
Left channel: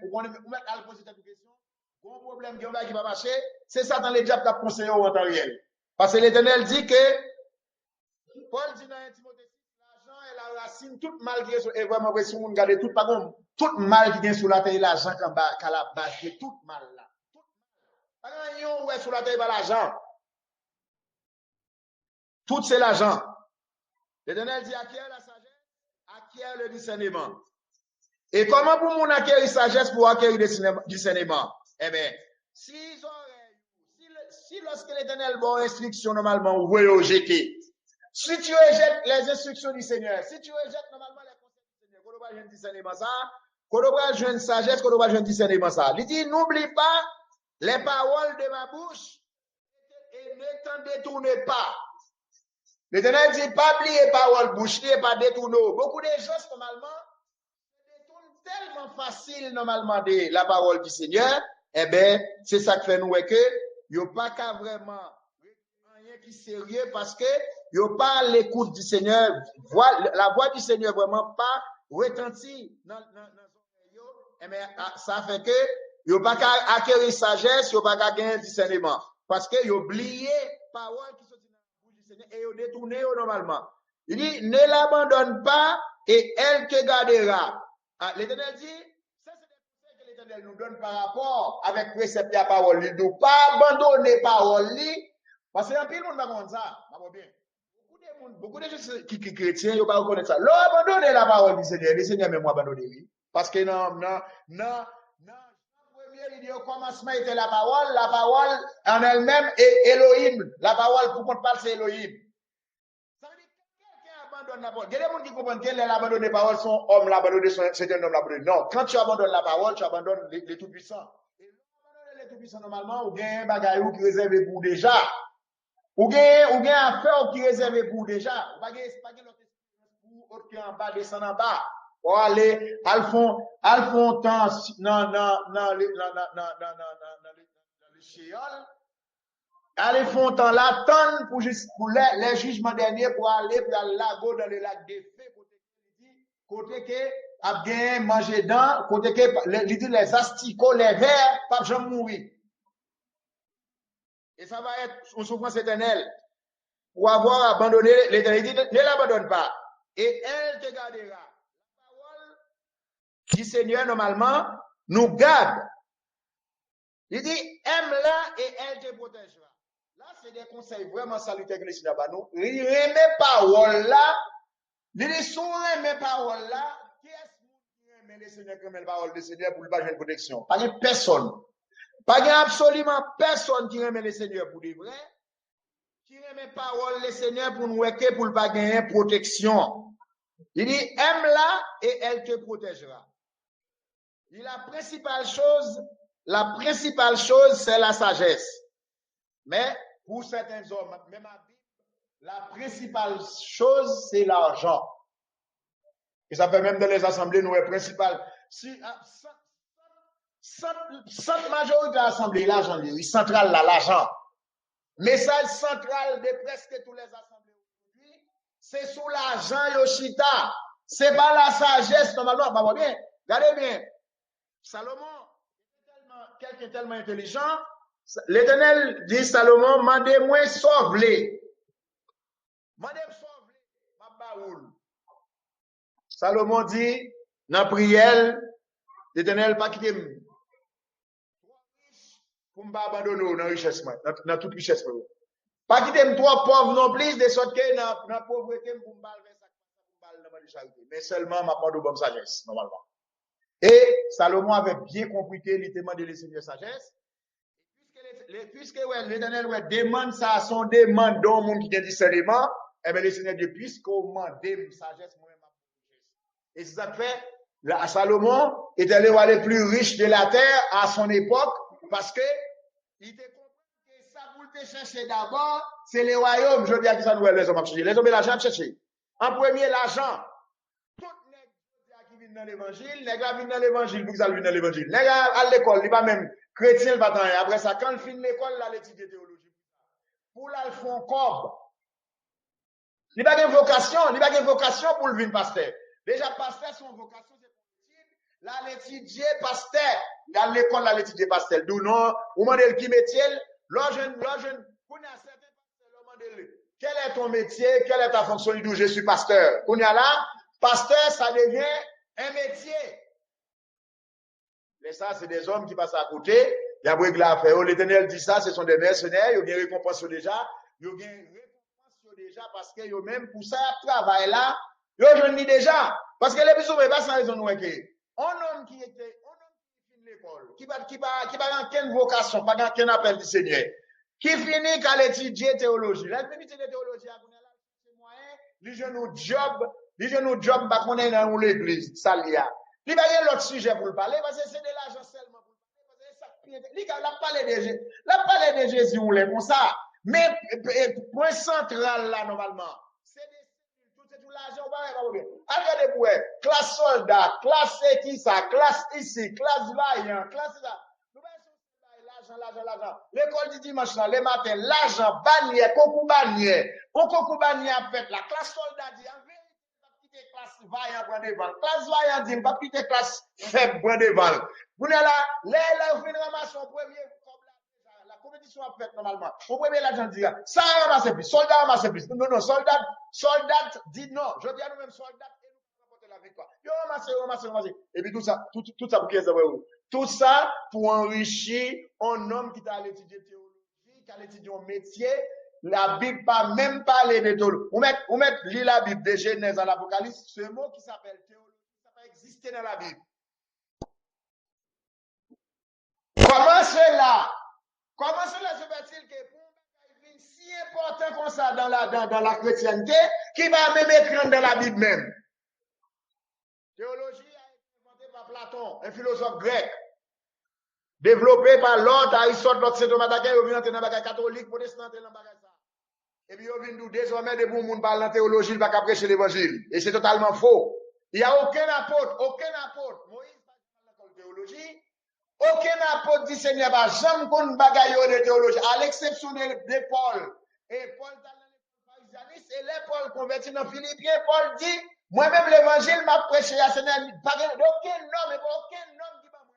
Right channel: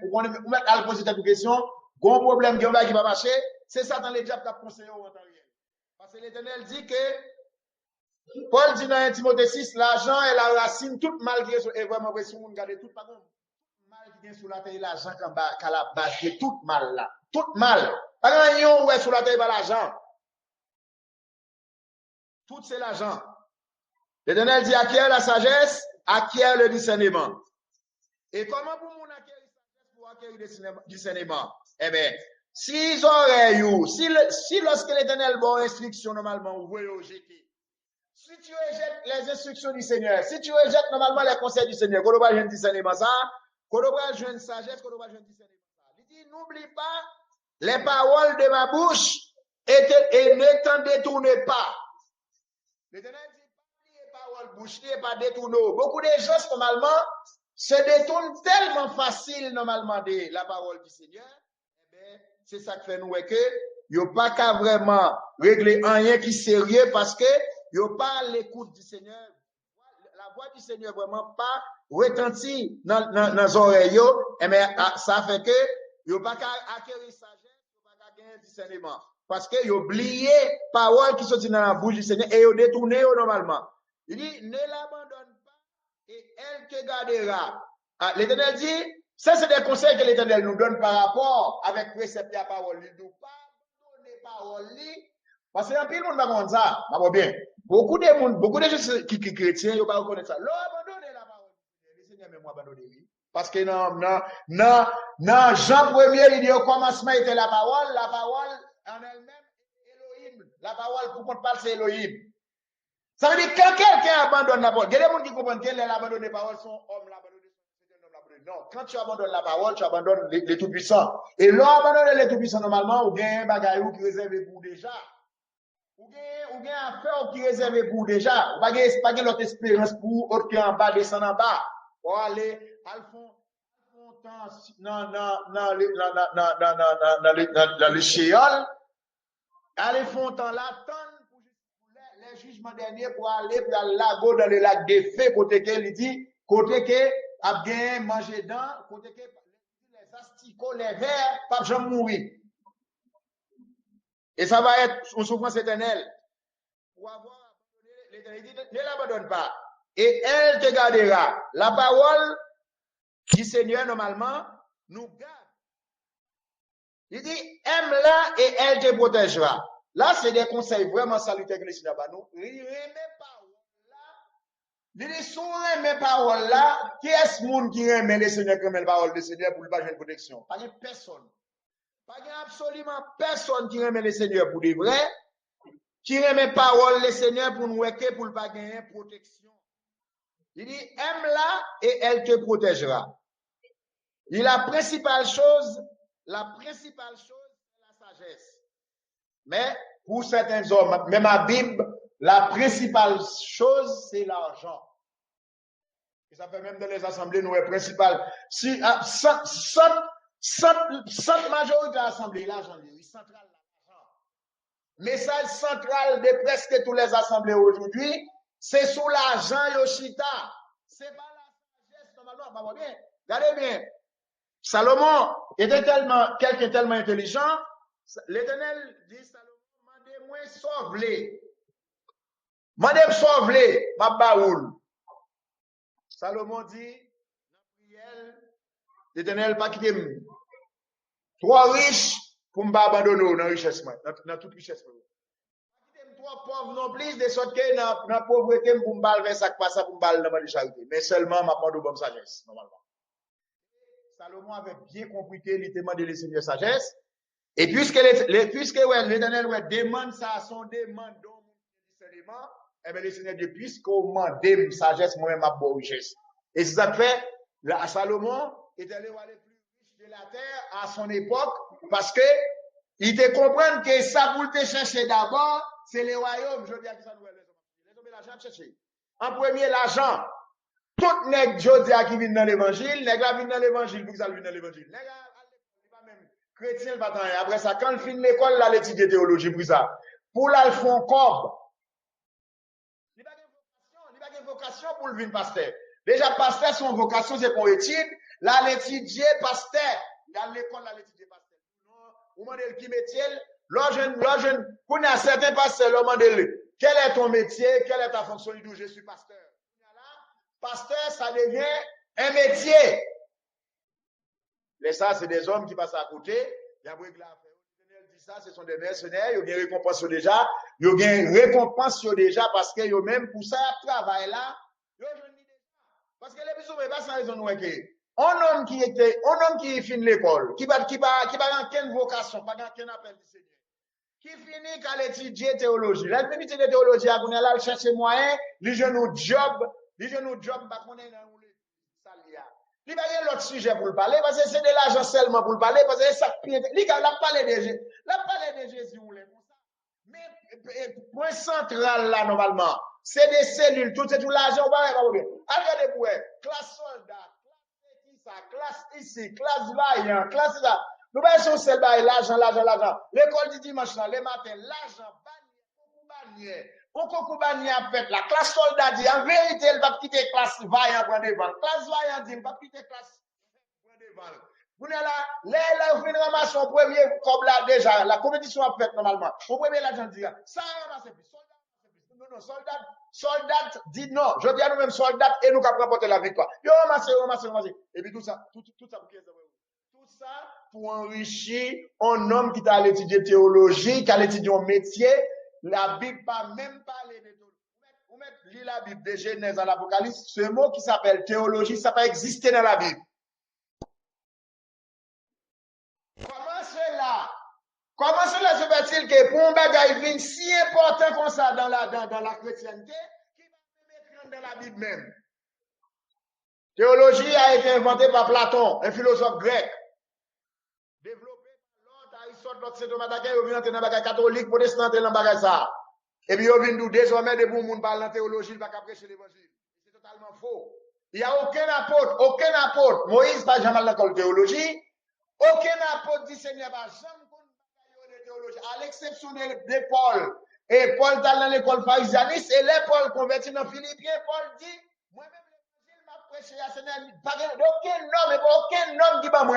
à le poser cette question, gros problème qui va marcher, c'est Satan le diable qui a conseillé en temps réel. Parce que l'Éternel dit que, Paul dit dans 1 Timothée 6, l'argent est la racine, tout mal qui est vraiment vrai, si on regarde tout, par contre, tout mal qui est sur la terre, l'argent qu'à la base, c'est tout mal là. Tout mal. Par exemple, où est sur la terre, l'argent. Tout c'est l'argent. L'Éternel dit, acquiert la sagesse, acquiert le discernement. Et comment pour mon acquérir sagesse pour acquérir le discernement? Eh bien, si oreilles, si lorsque l'Éternel bon instruction normalement, vous voyez au jeter. Si tu rejettes les instructions du Seigneur, si tu rejettes normalement les conseils du Seigneur, quand on va jouer un discernement ça, quand on va jouer une sagesse, quand on va jouer un discernement ça. Il dit, n'oublie pas les paroles de ma bouche et ne t'en détourne pas. L'Éternel dit, pas oublier parole bouche, pas détourner. Beaucoup de gens, normalement, se détournent tellement facile, normalement, de la parole du Seigneur. Eh bien, c'est ça que fait nous, que, il n'y a pas qu'à vraiment régler rien qui est sérieux parce que, il n'y a pas l'écoute du Seigneur, la voix du Seigneur vraiment pas retentit dans les oreilles, eh bien, ça fait que, il n'y a pas qu'à acquérir sagesse, il n'y a pas qu'à gagner discernement. Parce que il oublié parole qui sont dans la bouche du Seigneur et il détourné normalement. Il dit, ne l'abandonne pas et elle te gardera. L'Éternel dit, ça c'est des conseils que l'Éternel nous donne par rapport avec précepte à parole. Il ne doit pas abandonner parole. Parce que un peu de monde va comprendre ça. Bien. Beaucoup de gens qui chrétiens, ils ne vont pas reconnaître ça. L'on abandonne la parole du Seigneur. Le Seigneur même abandonné. Parce que non, Jean 1er, il dit au commencement était la parole en elle-même est Elohim. La parole, pour qu'on parle, c'est Elohim. Ça veut dire que quand quelqu'un abandonne la parole, il y a des gens qui comprennent qu'elle abandonne la parole, son homme l'abandonne, c'est un homme l'abandonne. Non, quand tu abandonnes la parole, tu abandonnes les tout-puissants. Et l'on abandonne les tout-puissants, normalement, ou bien un bagage qui est réservé pour déjà. Ou bien affaire qui est réservé pour déjà. Ou pas l'autre espérance pour autre qui en bas, descend en bas. Ou aller, al font temps dans le chéol. Allez font temps l'attendre pour les jugements derniers pour aller dans le lago, dans le lac des fées, côté que, il dit, côté que, a bien mangé dedans, côté que, il dit, les asticots, les vers, pas jamais mourir. Et ça va être une souffrance éternelle. Pour avoir abandonné l'éternité, ne l'abandonne pas. Et elle te gardera. La parole du Seigneur, normalement, nous garde. Il dit, aime-la et elle te protégera. Là, c'est des conseils vraiment salutaires que le Seigneur va nous. Il remet parole là. Il dit, si on remet parole là, qui est-ce monde qui remet le Seigneur, qui remet la parole du Seigneur pour le pas de protection? Pas de personne. Pas absolument personne qui remet le Seigneur pour de vrai, qui remet parole le Seigneur pour nous aider pour ne pas gagner protection. Il dit, aime-la et elle te protégera. Il dit, la principale chose, c'est la sagesse. Mais pour certains hommes, même à Bible, la principale chose, c'est l'argent. Et ça fait même dans les assemblées, nous, est principal. Si, cette majorité de l'assemblée, l'argent, central là, l'argent. Message central de presque toutes les assemblées aujourd'hui, c'est sous l'argent Yoshita. C'est pas la sagesse, normalement. Bah, bien. Regardez bien. Salomon était quelqu'un tellement intelligent. l'Éternel dit Salomon, mandez-moi sauve-les. Mandez-moi sauve-les, ma baoul. Salomon dit, dans la prière, l'Éternel pas quitter trop riche pour me abandonner dans la richesse, dans toute richesse. Pas quitter trop pauvre non plus, de sorte que dans la pauvreté, pour me faire ça, pour me faire dans la charité. Mais seulement, ma part de bonne sagesse, normalement. Et Salomon avait bien compris qu'il était demandé le Seigneur sagesse. Et puisque l'Éternel demande ça à son demande d'un monde qui a discernement, eh bien, le Seigneur dit, puisqu'on demande sagesse, moi-même, ma bonne richesse. Et c'est ça que fait, Salomon était le plus riche de la terre à son époque, parce que il te comprend que ça pour te chercher d'abord, c'est le royaume. Je dis à qui ça nous les hommes à chercher. Les hommes et l'argent à chercher. En premier, l'argent. Tout nèg jodi qui vient dans l'évangile, nèg la vient dans l'évangile, pour que ça vient dans l'évangile. Nèg à l'école, il pas même chrétien, il va tant. Après ça, quand il finit l'école, là, l'étudier théologie pour ça. Pour là, il font corps. Il n'a pas de vocation, il n'a pas de vocation pour le venir pasteur. Déjà, pasteur, son vocation, c'est pour étude. Là, l'étudier pasteur. Dans l'école, là, l'étudier pasteur. D'où non, ou mandel qui métier, l'jeune, pour y a certains pasteurs, l'on mandel, quel est ton métier, quelle est ta fonction, il dit, je suis pasteur. Pour y a là, pasteur, ça devient un métier. Mais ça, c'est des hommes qui passent à côté. Il y a beaucoup de l'affaire. L'Éternel dit ça, ce sont des mercenaires. Ils ont une récompense déjà. Ils ont une récompense déjà parce que eux même pour ça, travail là, ils ont déjà. Parce que les plus souvent, pas sans raison, nous, un homme qui finit l'école, qui n'a aucune vocation, pas aucun appel du Seigneur, qui finit qu'à l'étudier théologie. Là, il finit de théologie, il cherche moyen, il joue nos job, bah, qu'on est dans l'église, ça l'y a. Il va y avoir l'autre sujet pour le parler, parce que c'est de l'argent seulement pour le parler, parce que ça, il a parlé de Jésus, on l'est comme ça. Mais, point central là, normalement, c'est des cellules, tout l'argent, on va pas bien. Regardez pour classe soldat, classe qui ça, classe ici, classe vaillant, classe là. Nous allons sur l'argent. L'école du dimanche, le matin, l'argent, bannière, concours bannière fait. La classe soldat dit, en vérité, elle va quitter classe vaillant pour devant. Classe vaillant dit, elle va quitter classe faible pour devant. Vous là, vous venez ramasser son premier comme là déjà, la compétition a fait normalement. Au premier, l'agent dit, ça ramasse plus, soldat ramasse plus. Non, soldat dit non. Je dis à nous-mêmes soldat et nous capable remporter la victoire. Yo ramasse. Et puis tout ça pour qui est tout ça pour enrichir un homme qui t'a étudié théologie, qui a étudié un métier. La Bible pas même parler de théologie. Vous mettez lire la Bible de Genèse à l'Apocalypse, ce mot qui s'appelle théologie, ça peut exister dans la Bible. Comment cela se fait-il que pour un bagage si important comme ça dans la chrétienté, qui va même écrire dans la Bible même? Théologie a été inventée par Platon, un philosophe grec. Développé par l'autre, Aristote, l'autre Saint Thomas d'Aquin, ils viennent entrer dans le bagage catholique, protestant, entrer dans le bagage ça. Et puis, ils viennent désormais, des bons monde parlent en théologie, ils ne vont pas prêcher l'évangile. Et c'est totalement faux. Il n'y a aucun apôtre. Moïse, pas jamais dans l'école de théologie. Aucun apôtre dit Seigneur, pas jamais qu'on bagaille de théologie, à l'exception de Paul. Et Paul est dans l'école pharisianiste, et les Paul converti dans Philippiens, Paul dit, moi-même l'évangile m'a prêché à Seigneur, aucun homme qui va moi.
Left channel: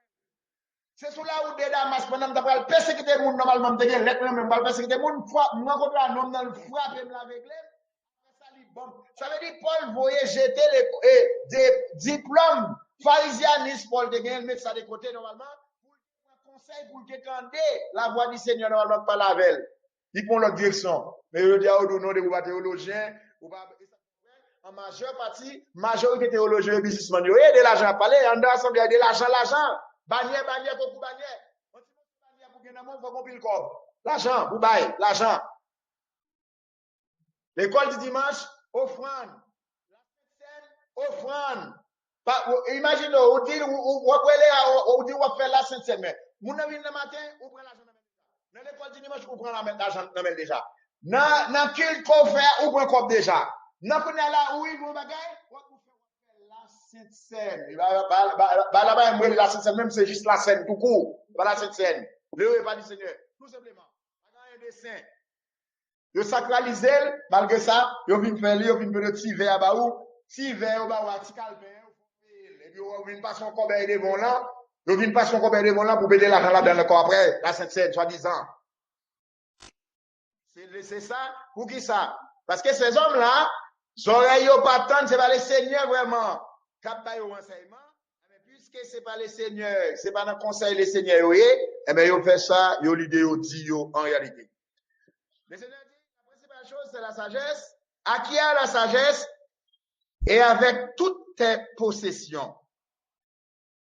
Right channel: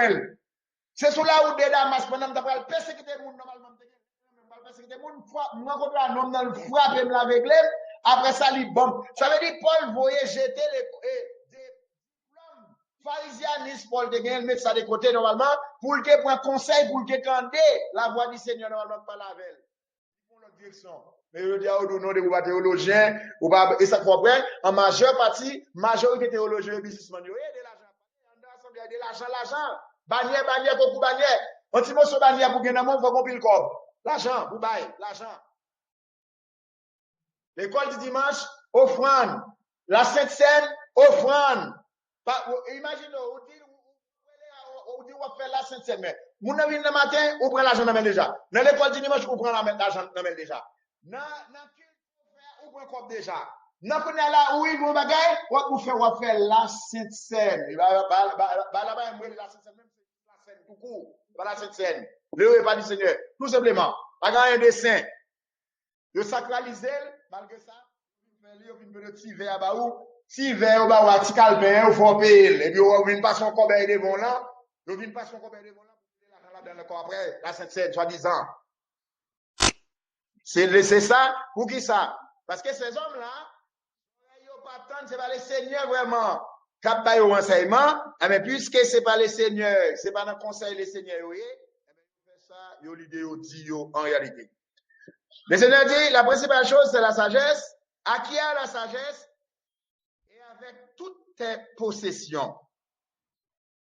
C'est sous la route de Damas, pendant que tu persécuter le monde, normalement, tu as persécuter le monde, moi, contre un homme dans le frappe, avec l'aime, après ça, il bombe. Ça veut dire, Paul voyait jeter des diplômes pharisianistes, Paul te gagne, mettre ça de côté, normalement, pour le prendre conseil, pour le tendre la voix du Seigneur, normalement, par la veille. Ils prennent leur direction. Mais je dis, au nom de théologiens, et ça comprend, en majeure partie, majorité théologiens et businessmen, il y a de l'argent à parler, en dehors, il y a de l'argent. Bannière, beaucoup bannière. Un petit morceau bannière pour gagner un monde, il faut qu'on pile le corps. L'argent, pour bailler, l'argent. L'école du dimanche, offrande. La Sainte Seine, offrande. Imaginez, on dit, on fait la Sainte Seine, mais, mon avis, le matin, on prend l'argent dans déjà. Dans l'école du dimanche, on prend l'argent dans déjà. Dans culte qu'on fait, on prend corps déjà. Dans qu'on est là, où il vous bagaille, on fait la Sainte Seine. Là-bas, la Sainte Seine, même c'est juste la scène, tout court. Pas la Sainte Seine. Le pas du Seigneur. Tout simplement. Pas un dessin. Ils sacralisent, malgré ça, ils viennent faire le petit verre à baou. Si verre, petit calpin, il faut payer. Et puis, ils viennent passer son corbeille devant là. Ils viennent passer combien de monde là pour payer l'argent là dans le corps après, la Sainte-Seine, soi-disant. C'est ça, pour qui ça? Parce que ces hommes-là, oreilles pas tant, c'est pas les seigneurs vraiment. Cap pas au enseignement, mais puisque c'est pas les seigneurs, c'est pas dans le conseil les seigneurs, eh bien, ils fait ça, ils ont l'idée, ils dit en réalité. Le Seigneur dit, la principale chose, c'est la sagesse. Acquiert la sagesse et avec toutes tes possessions,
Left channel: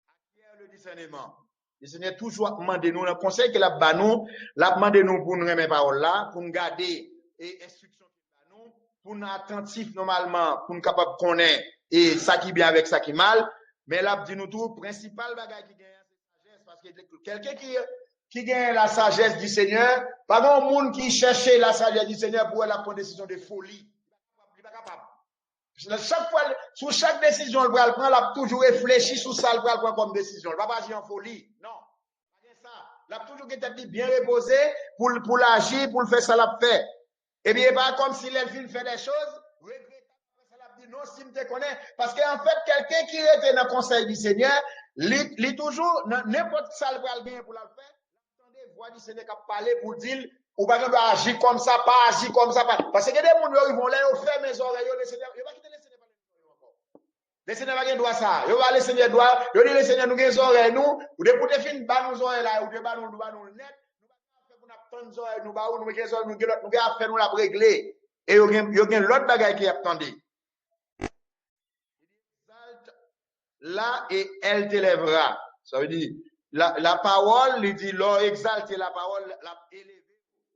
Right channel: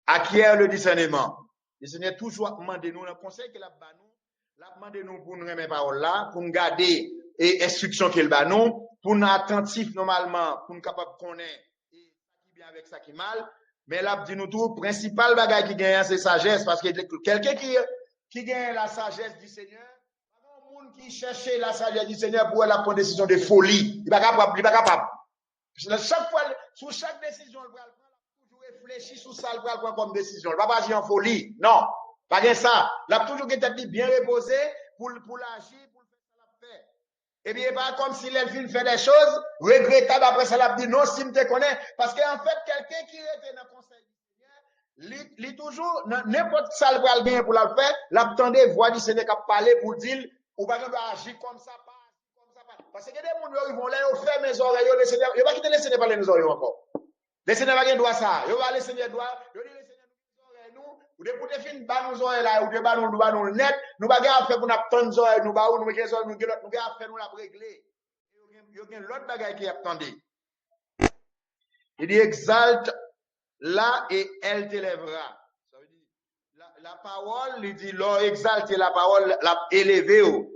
acquiert le discernement. Le Seigneur toujours demande nous, le conseil qu'il a donné nous, l'a demandé nous pour nous remettre parole là, pour nous garder et instruction qu'il a nous, pour nous attentifs normalement, pour nous capable de connaître et ça qui bien avec ça qui mal. Mais là, dit nous tout, principal bagage qui gagne, c'est sagesse, parce que quelqu'un qui gagne la sagesse du Seigneur, pas grand monde qui cherchait la sagesse du Seigneur pour la prendre décision de folie. Il n'est pas capable. Chaque fois, sur chaque décision, il va prendre, il a toujours réfléchi sur ça, il va prendre comme décision. Il ne va pas agir en folie. Non. Pas que ça. Il a toujours été bien reposé pour l'agir, pour le faire ça, l'a fait. Et bien, pas comme si l'elfine fait des choses regrettables après ça, l'a dit non, si je te connais. Parce qu'en fait, quelqu'un qui était dans le conseil du Seigneur, il toujours, n'importe ça, il va bien pour le faire, l'attendait, voix du Seigneur qui a parlé pour dire, ou pas agir comme ça, pas agir comme ça, pas. Parce que des gens, ils vont là, ils ferment les oreilles, le Seigneur, ils vont pas quitter le Seigneur parler nos oreilles encore. Le Seigneur va gagner droit ça. Il va le Seigneur droit. Il dit le Seigneur nous gagne oreilles nous. Ou de pour te fin ba nous oreilles là ou de ba nous net. Nous pas gagner faire pour n'attendre oreilles nous ba ou nous gagne oreilles nous gagner faire nous la régler. Et il y a l'autre bagaille qui attendait. Il dit exalte là et elle t'élèvera. Ça veut dire la parole, il dit l'or exalter la parole, la élever.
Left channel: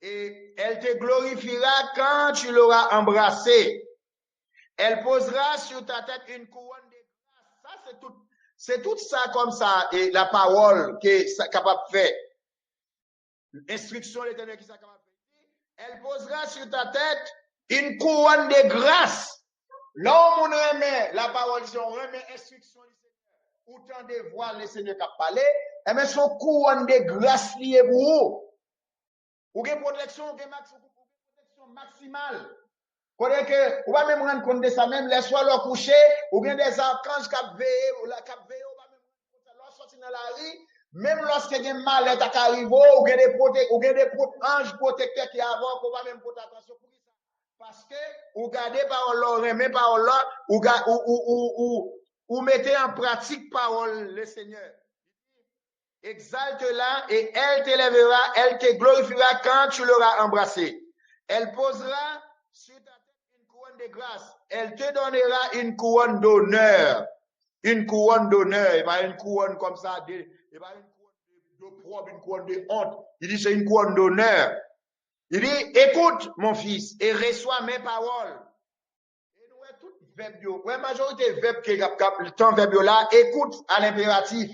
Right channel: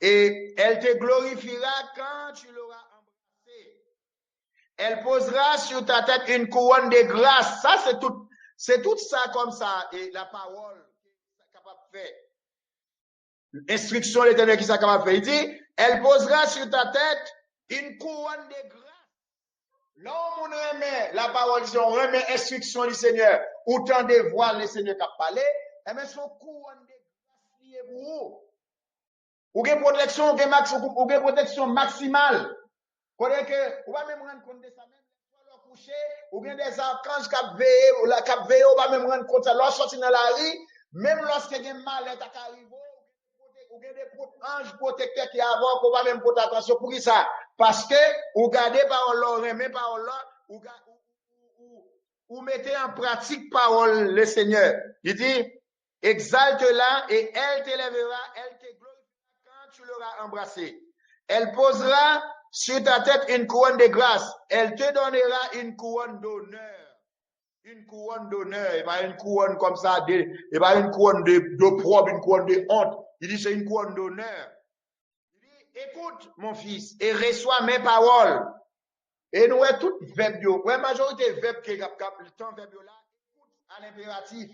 Et elle te glorifiera quand tu l'auras embrassé. Elle posera sur ta tête une couronne de grâce. Ça, c'est tout ça comme ça, et la parole qui est capable de faire. L'instruction de l'Éternel qui est capable de faire. Il dit, elle posera sur ta tête une couronne de grâce. Là où on remet la parole, si on remet l'instruction du Seigneur, autant de voir le Seigneur qui a parlé, et bien son couronne de grâce liée pour vous. Ou une protection, ou une protection maximale. Faudrait que, ou pas même rendre compte de ça, même les soirs leur coucher, ou bien des archanges qui veillent, ou pas même rendre compte de ça, leur sortir dans la rue, même lorsque il y a un mal qui arrive, ou bien des anges protecteurs qui avancent, ou pas même porter attention pour ça. Parce que, ou gardez parole là, remet parole là, ou mettez en pratique parole le Seigneur. Il dit, exalte-la et elle t'élèvera, elle te glorifiera quand tu l'auras embrassé. Elle posera sur ta tête une couronne de grâce. Elle te donnera une couronne d'honneur. Une couronne d'honneur. Et pas une couronne comme ça, et pas une couronne d'opprobre, une couronne de honte. Il dit c'est une couronne d'honneur. Il dit, écoute, mon fils, et reçois mes paroles. Et nous, tout verbe, la majorité verbe qui est le temps verbe là, écoute à l'impératif.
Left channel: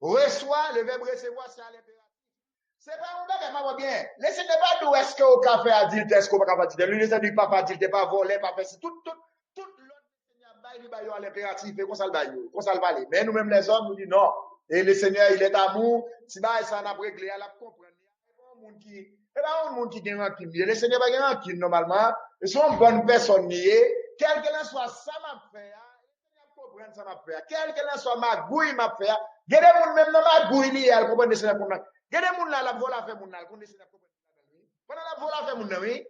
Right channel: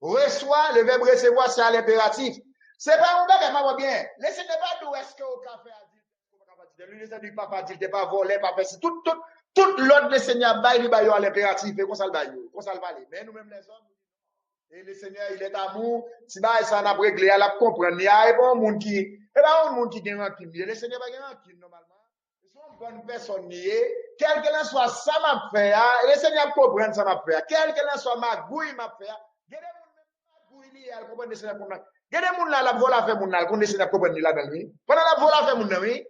Reçois, le verbe recevoir, c'est à l'impératif. C'est pas un bagage, ma bien. Laissez pas d'où est-ce que au café a dit, est-ce qu'on va pas dire, lui, il pas pas dire, pas voler, pas faire, tout l'ordre le Seigneur bail, lui, à l'impératif, et qu'on s'en bail, qu'on s'en bail. Mais nous-mêmes, les hommes, nous disons non. Et le Seigneur, il est amour, si bah, ça n'a pas réglé, elle a comprendre, il y a un monde qui, et là, un monde qui gagne un crime. Le Seigneur va gagner un crime, normalement. Ils sont une bonne personne, quel que soit ça m'a fait, le Seigneur comprend ça m'a fait, quel que soit ma gouille m'a fait, il y a des gens même dans ma gouille, elle comprend le Seigneur comprend. Il y a des gens là, la vol a fait mon là, qu'on essaie de comprendre là dans lui. Pendant la vol a fait mon là, oui.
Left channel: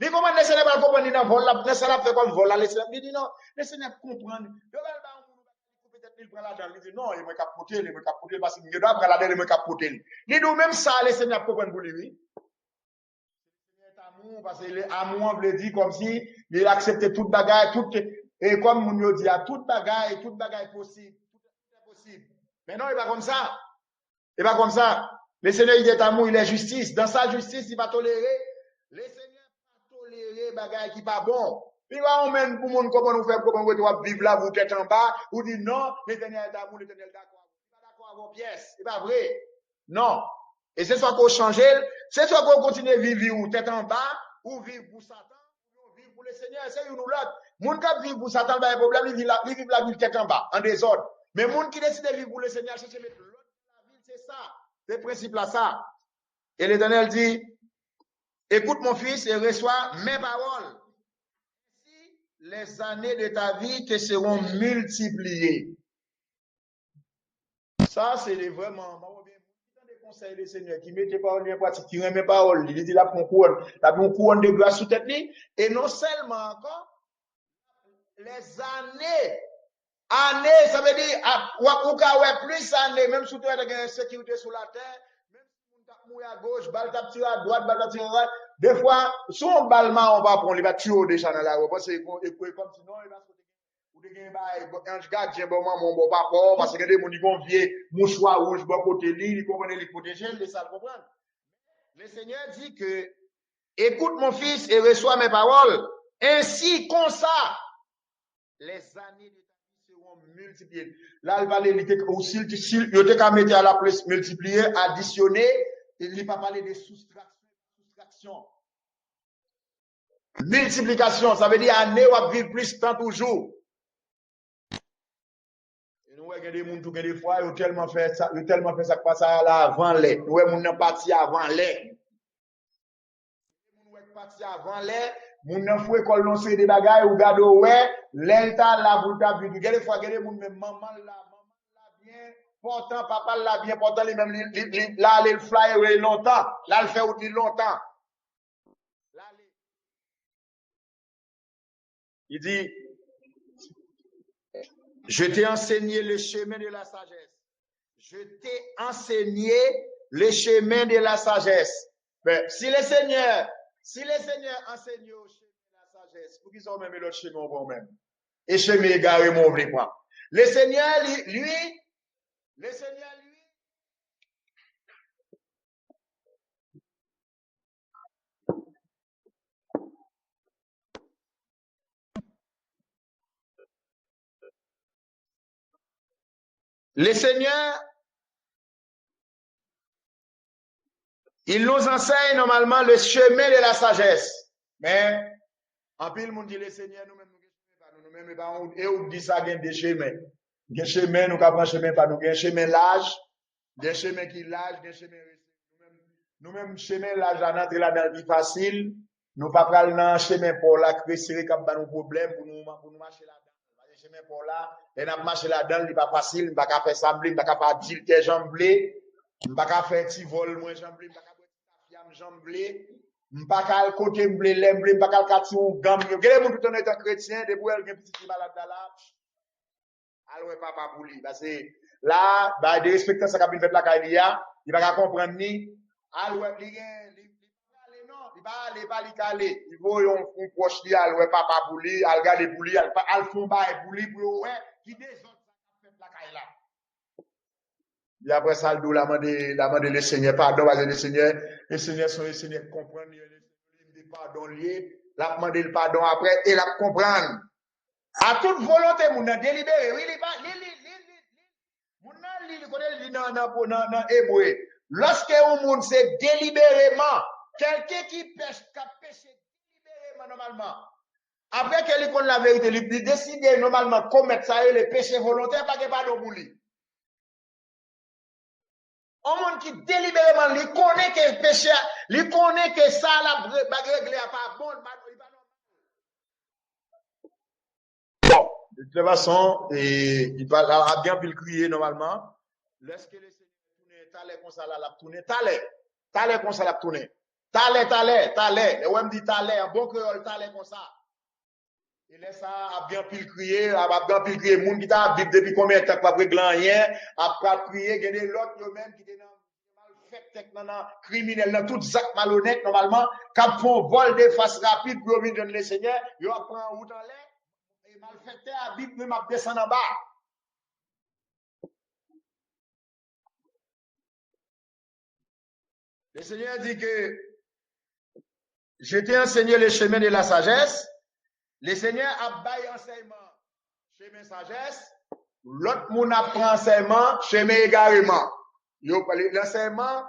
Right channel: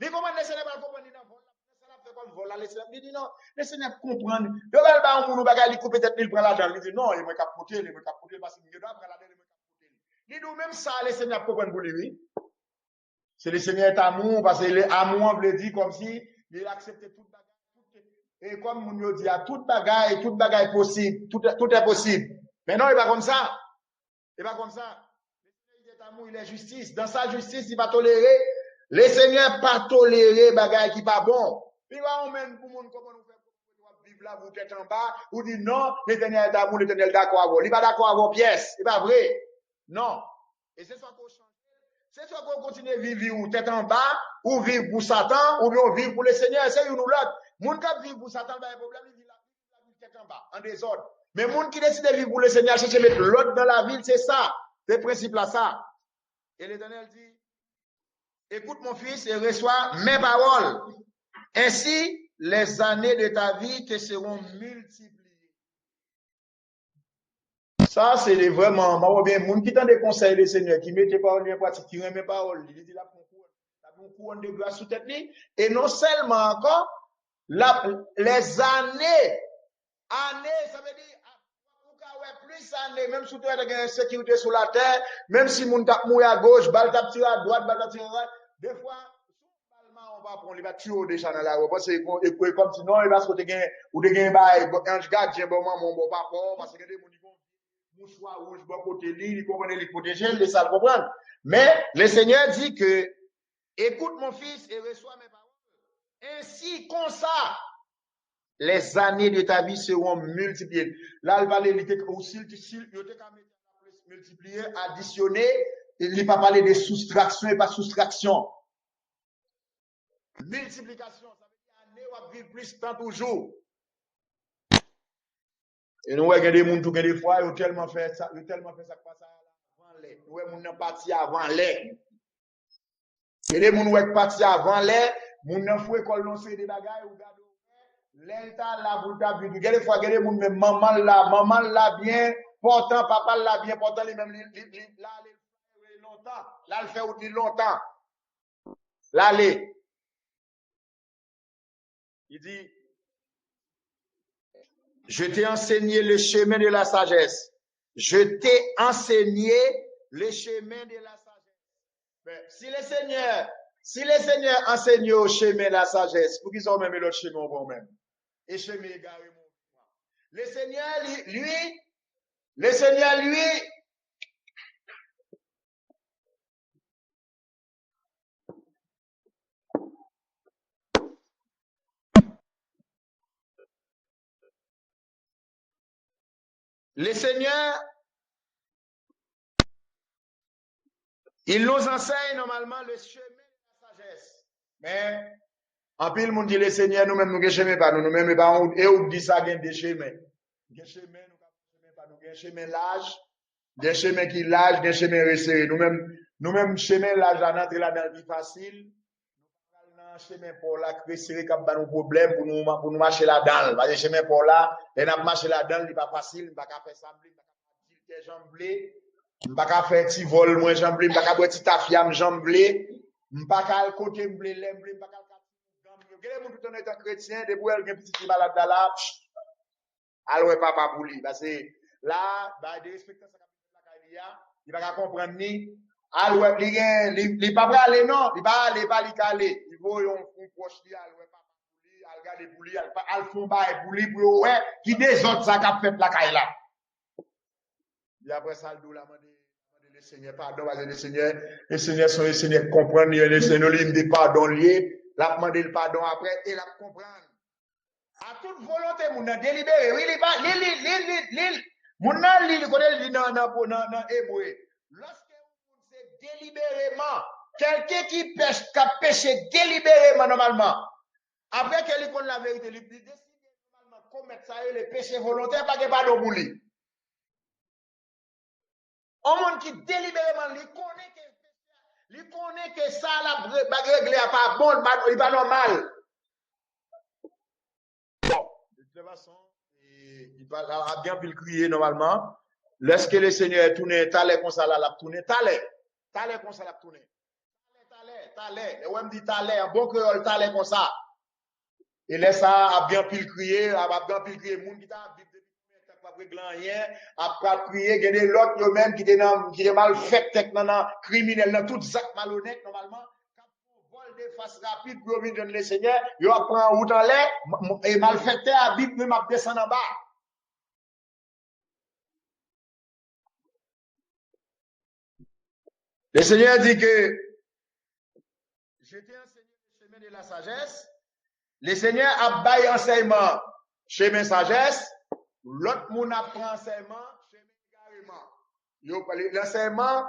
Mais comment le Seigneur va comprendre dans vol là, le Seigneur fait comme vol là, le Seigneur dit non, le Seigneur comprend. Il va pas un monde bagarre, il coupe peut-être il prend l'argent, il dit non, il me capoter parce qu'il doit prendre l'argent, il me capoter. Il dit même ça, le Seigneur comprend pour lui, oui. C'est le Seigneur est amour, parce que l'amour veut dire comme si il acceptait toute bagarre, tout, et comme nous dit, toute bagarre est possible, tout est possible. Mais non, il va comme ça. Il va comme ça. Le Seigneur, il est amour, il est justice. Dans sa justice, il va tolérer. Le Seigneur pas tolérer bagaille qui pas bon. Il va emmèner pour monde comment nous faire, comment vous vivre là, vous êtes en bas, ou dit non, l'Éternel est amour, l'Éternel est d'accord avec vous. Il va d'accord avec vos pièces. C'est pas vrai. Non. Et c'est soit qu'on change, c'est soit qu'on continue à vivre ou tête en bas, ou vivre pour Satan, ou bien vivre pour le Seigneur. C'est une ou l'autre. Moun qui vivre pour Satan, il y a un problème, il vit la vie tête en bas, en désordre. Mais moun qui décide de vivre pour le Seigneur, chercher mettre l'autre dans la ville, c'est ça. C'est le principe là, ça. Et l'Éternel dit, écoute mon fils et reçois mes paroles. Ainsi, les années de ta vie te seront multipliées. Ça, c'est vraiment, moi, bien, moun qui tend des conseils des seigneurs, qui mettent paroles en pratique, qui remet paroles, il dit la couronne de grâce sous tête, et non seulement encore, les années, ça veut dire, ou plus d'années, même sous terre, il y a une sécurité sur la terre, même si moun tap mouille à gauche, balle tap tiré à droite, balle tap tiré à droite, des fois, si on ballement, on va prendre, il va tuer déjà dans la rue, parce que, comme sinon, il va se retrouver, ou de gagner, un gardien, bon, mon bon papa, parce que des gens, ils vont vieux, mouchoir rouge, bon côté, ils comprennent, les protéger, les ça comprendre. Mais, le Seigneur dit que, écoute mon fils et reçois mes paroles, ainsi, comme ça, les années de ta vie seront multipliées. Là, il va aller, aussi, il te mettre à la place multiplier, additionner, il ne va pas parler de soustraction et pas soustraction. Multiplication, ça veut dire année ou vivre plus tant toujours. Et nous, il y a des gens qui des fois, ils ont tellement fait ça que passe là avant les. Nous, ils sont partis avant les. Il y a des gens qui sont partis avant les. Moun nan fou école non c'est des bagages ou gado ouais l'enta là pour ta vie des fois des moun même maman là bien portant papa là bien portant lui même là le fly longtemps là le fait outil longtemps là il dit je t'ai enseigné le chemin de la sagesse, je t'ai enseigné le chemin de la sagesse. Mais si le Seigneur enseigne au chemin la sagesse, pour qu'ils ont même l'autre chemin pour même. Et chemin égaré, mon vrai point. Le Seigneur, lui, le Seigneur, il nous enseigne normalement le chemin de la sagesse. Mais, en pile, monde dit le Seigneur, nous-mêmes, nous ne chemin pas, nous-mêmes, et on dit ça, il y a des chemins. Des chemins, nous ne chemin pas, nous avons un chemin large, des chemins qui large, des chemins resserrés. Nous-mêmes, chemin large, là, dans la vie facile, nous ne pas prendre un chemin pour là, resserré comme nos problèmes pour nous marcher là-dedans. Parce que chemin pour là, et nous marcher là-dedans, il n'est pas facile, nous ne pouvons pas faire sembler, nous ne pouvons pas dire tes jambes blées. M'pa faire petit vol moins jamblé, m'pa boire petit tafiam jamblé, m'pa côté m'blé lemblé, m'pa kati ou gam. Gade moun tout est un chrétien, de pour elle gen petit malade là. Alors papa pour lui parce que là bah de respecter ça qu'a fait la Kailia, il va comprendre ni alors il pas aller non, il va aller pas li caler. Il faut on proche li alors papa pour lui, al garder pour lui, al fond bail pour lui pour ouais qui des autres ça qu'a fait la Kaila. Et après ça, le la demande le Seigneur pardon, parce que le Seigneur sont les Seigneurs comprendre, le Seigneur lui dit pardon lié, la demande le pardon après et la comprendre. À toute volonté, mon délibéré, oui, mon dans hébreu. Lorsque un monde c'est délibérément, quelqu'un qui pêche, qui a péché délibérément normalement, après qu'il connaît la vérité, il décide normalement commettre ça et le péché volontaire, pas que pardon pour lui. Un monde qui délibérément, il connaît que péché, il connaît que ça, la règle n'est pas bon, il n'est pas normal. Bon, de toute façon, il va bien le crier normalement. Lorsque le Seigneur est tourné, talé comme ça, l'a tourné, talé comme ça, l'a tourné. Talé. Et on me dit talé, un bon créole, talé comme ça. Et là, ça a bien pu le crier, moun qui t'a dit depuis combien de temps pas régler rien, après crier, il y a l'autre eux-mêmes qui est mal fait, criminel, dans tout zac malhonnête, normalement, quand font vol de face rapide pour venir donner le Seigneur, ils prennent en route en l'air, et mal fait, à Bible, même à descendre en bas. Le Seigneur dit que, je t'ai enseigné le chemin de la sagesse. Le Seigneur a baillé enseignement, chemin sagesse. L'autre moun apprend enseignement, chemin égarement. L'enseignement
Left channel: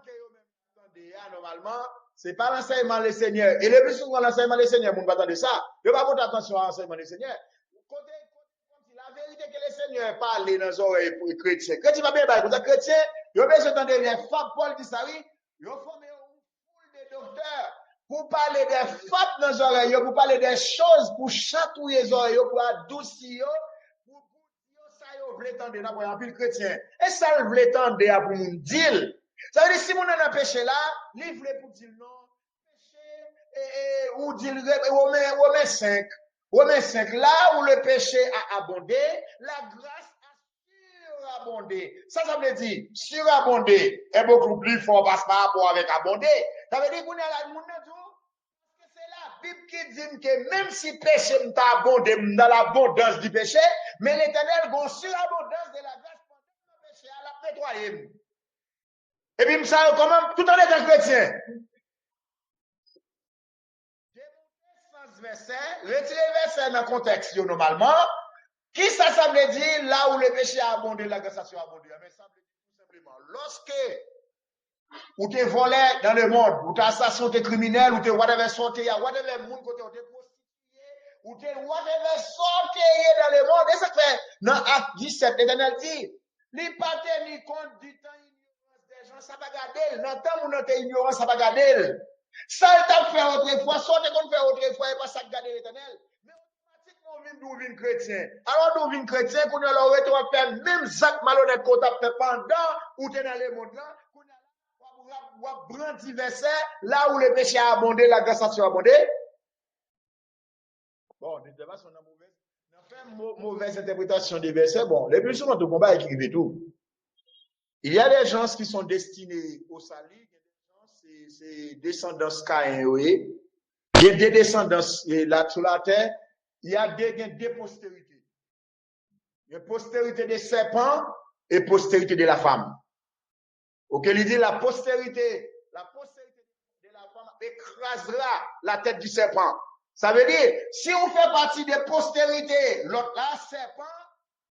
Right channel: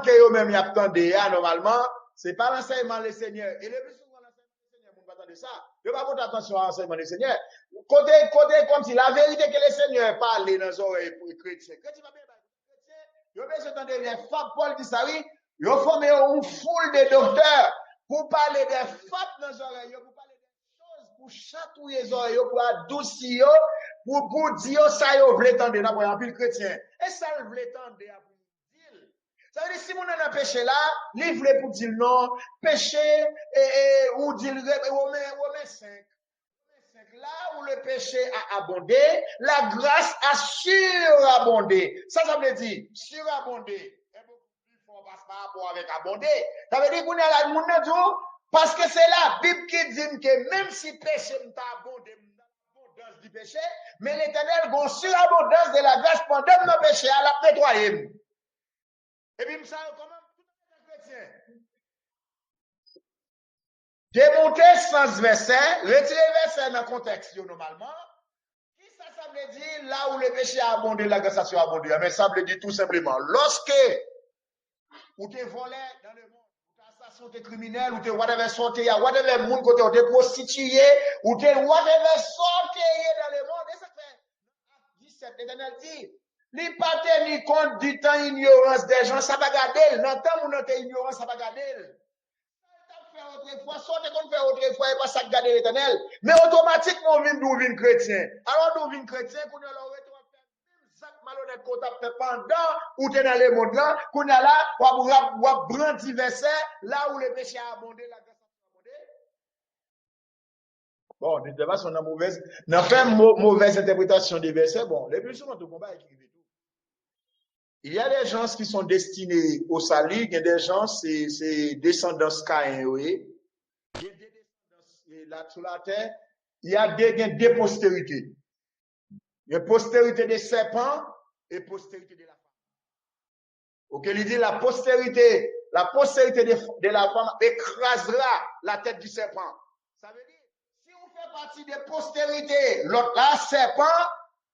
que yo même y attendez, normalement, c'est pas l'enseignement le Seigneur. Et le plus souvent, l'enseignement le Seigneur, moun pas attendre ça. Yo pas porter attention à l'enseignement le Seigneur. Côté comme si la vérité que le Seigneur parle dans les oreilles pour les chrétiens. Chrétien va bien bailler, pour les chrétiens, yo besoin d'entendre les femmes, Paul dit ça, oui. Yo formé une foule de docteurs. Pour parler des faits dans les oreilles, pour parler des choses, pour chatouiller les oreilles, pour adoucir, pour dire ça, yo vle tande, n'a pas un pile chrétien. Et ça, le vle tande pour nous dire. Ça veut dire, si mon a péché là, il vle pour dire non, péché, ou dire, Romains 5. Romains 5, là où le péché a abondé, la grâce a surabondé. Ça veut dire, surabondé est beaucoup plus fort par rapport avec abondé. Ça veut dire qu'on a la monde parce que c'est la Bible qui dit que même si péché m'a abondé dans l'abondance du péché, mais l'Éternel, bon, surabondance de la grâce pendant mon péché, à la nettoyer. Et puis, ça, quand même, tout en étant chrétien. Démonter sans verset, retirer verset dans le contexte, normalement. Qui ça veut dire là où le péché a abondé, la grâce a abondé? Mais ça veut dire tout simplement, lorsque ou t'es volé dans le monde, ou t'es assassin, t'es criminel, ou t'es whatever sorti, whatever monde côté, ou t'es prostitué, ou t'es whatever sorti dans le monde, et ça fait, dans Acte 17, l'Éternel dit, li pas tenu compte du temps ignorance des gens, ça va garder, dans le temps où nous t'es ignorance, ça va garder. Ça, t'a fait autrefois, sortez qu'on fait autrefois, et pas ça garder l'Éternel. Mais automatiquement, on vient d'ouvrir chrétien. Alors, d'ouvrir chrétien, qu'on a l'aurait, on va faire même ça malhonnête qu'on t'a fait pendant, où t'es dans le monde là, qu'on a là, on va brandir verset, là où le péché a abondé, la grâce a abondé. Bon, de toute façon, on a mauvaise interprétation des versets. Bon, les plus souvent, tout combat écrivait tout. Il y a des gens qui sont destinés au salut, il y a des gens, c'est descendance Caïn, oui. Il y a des descendances là sur la terre, il y a des postérités. Il y a postérité des serpents et postérité de la femme. Ok, il dit la postérité de la femme écrasera la tête du serpent. Ça veut dire, si on fait partie des postérités, l'autre là, serpent,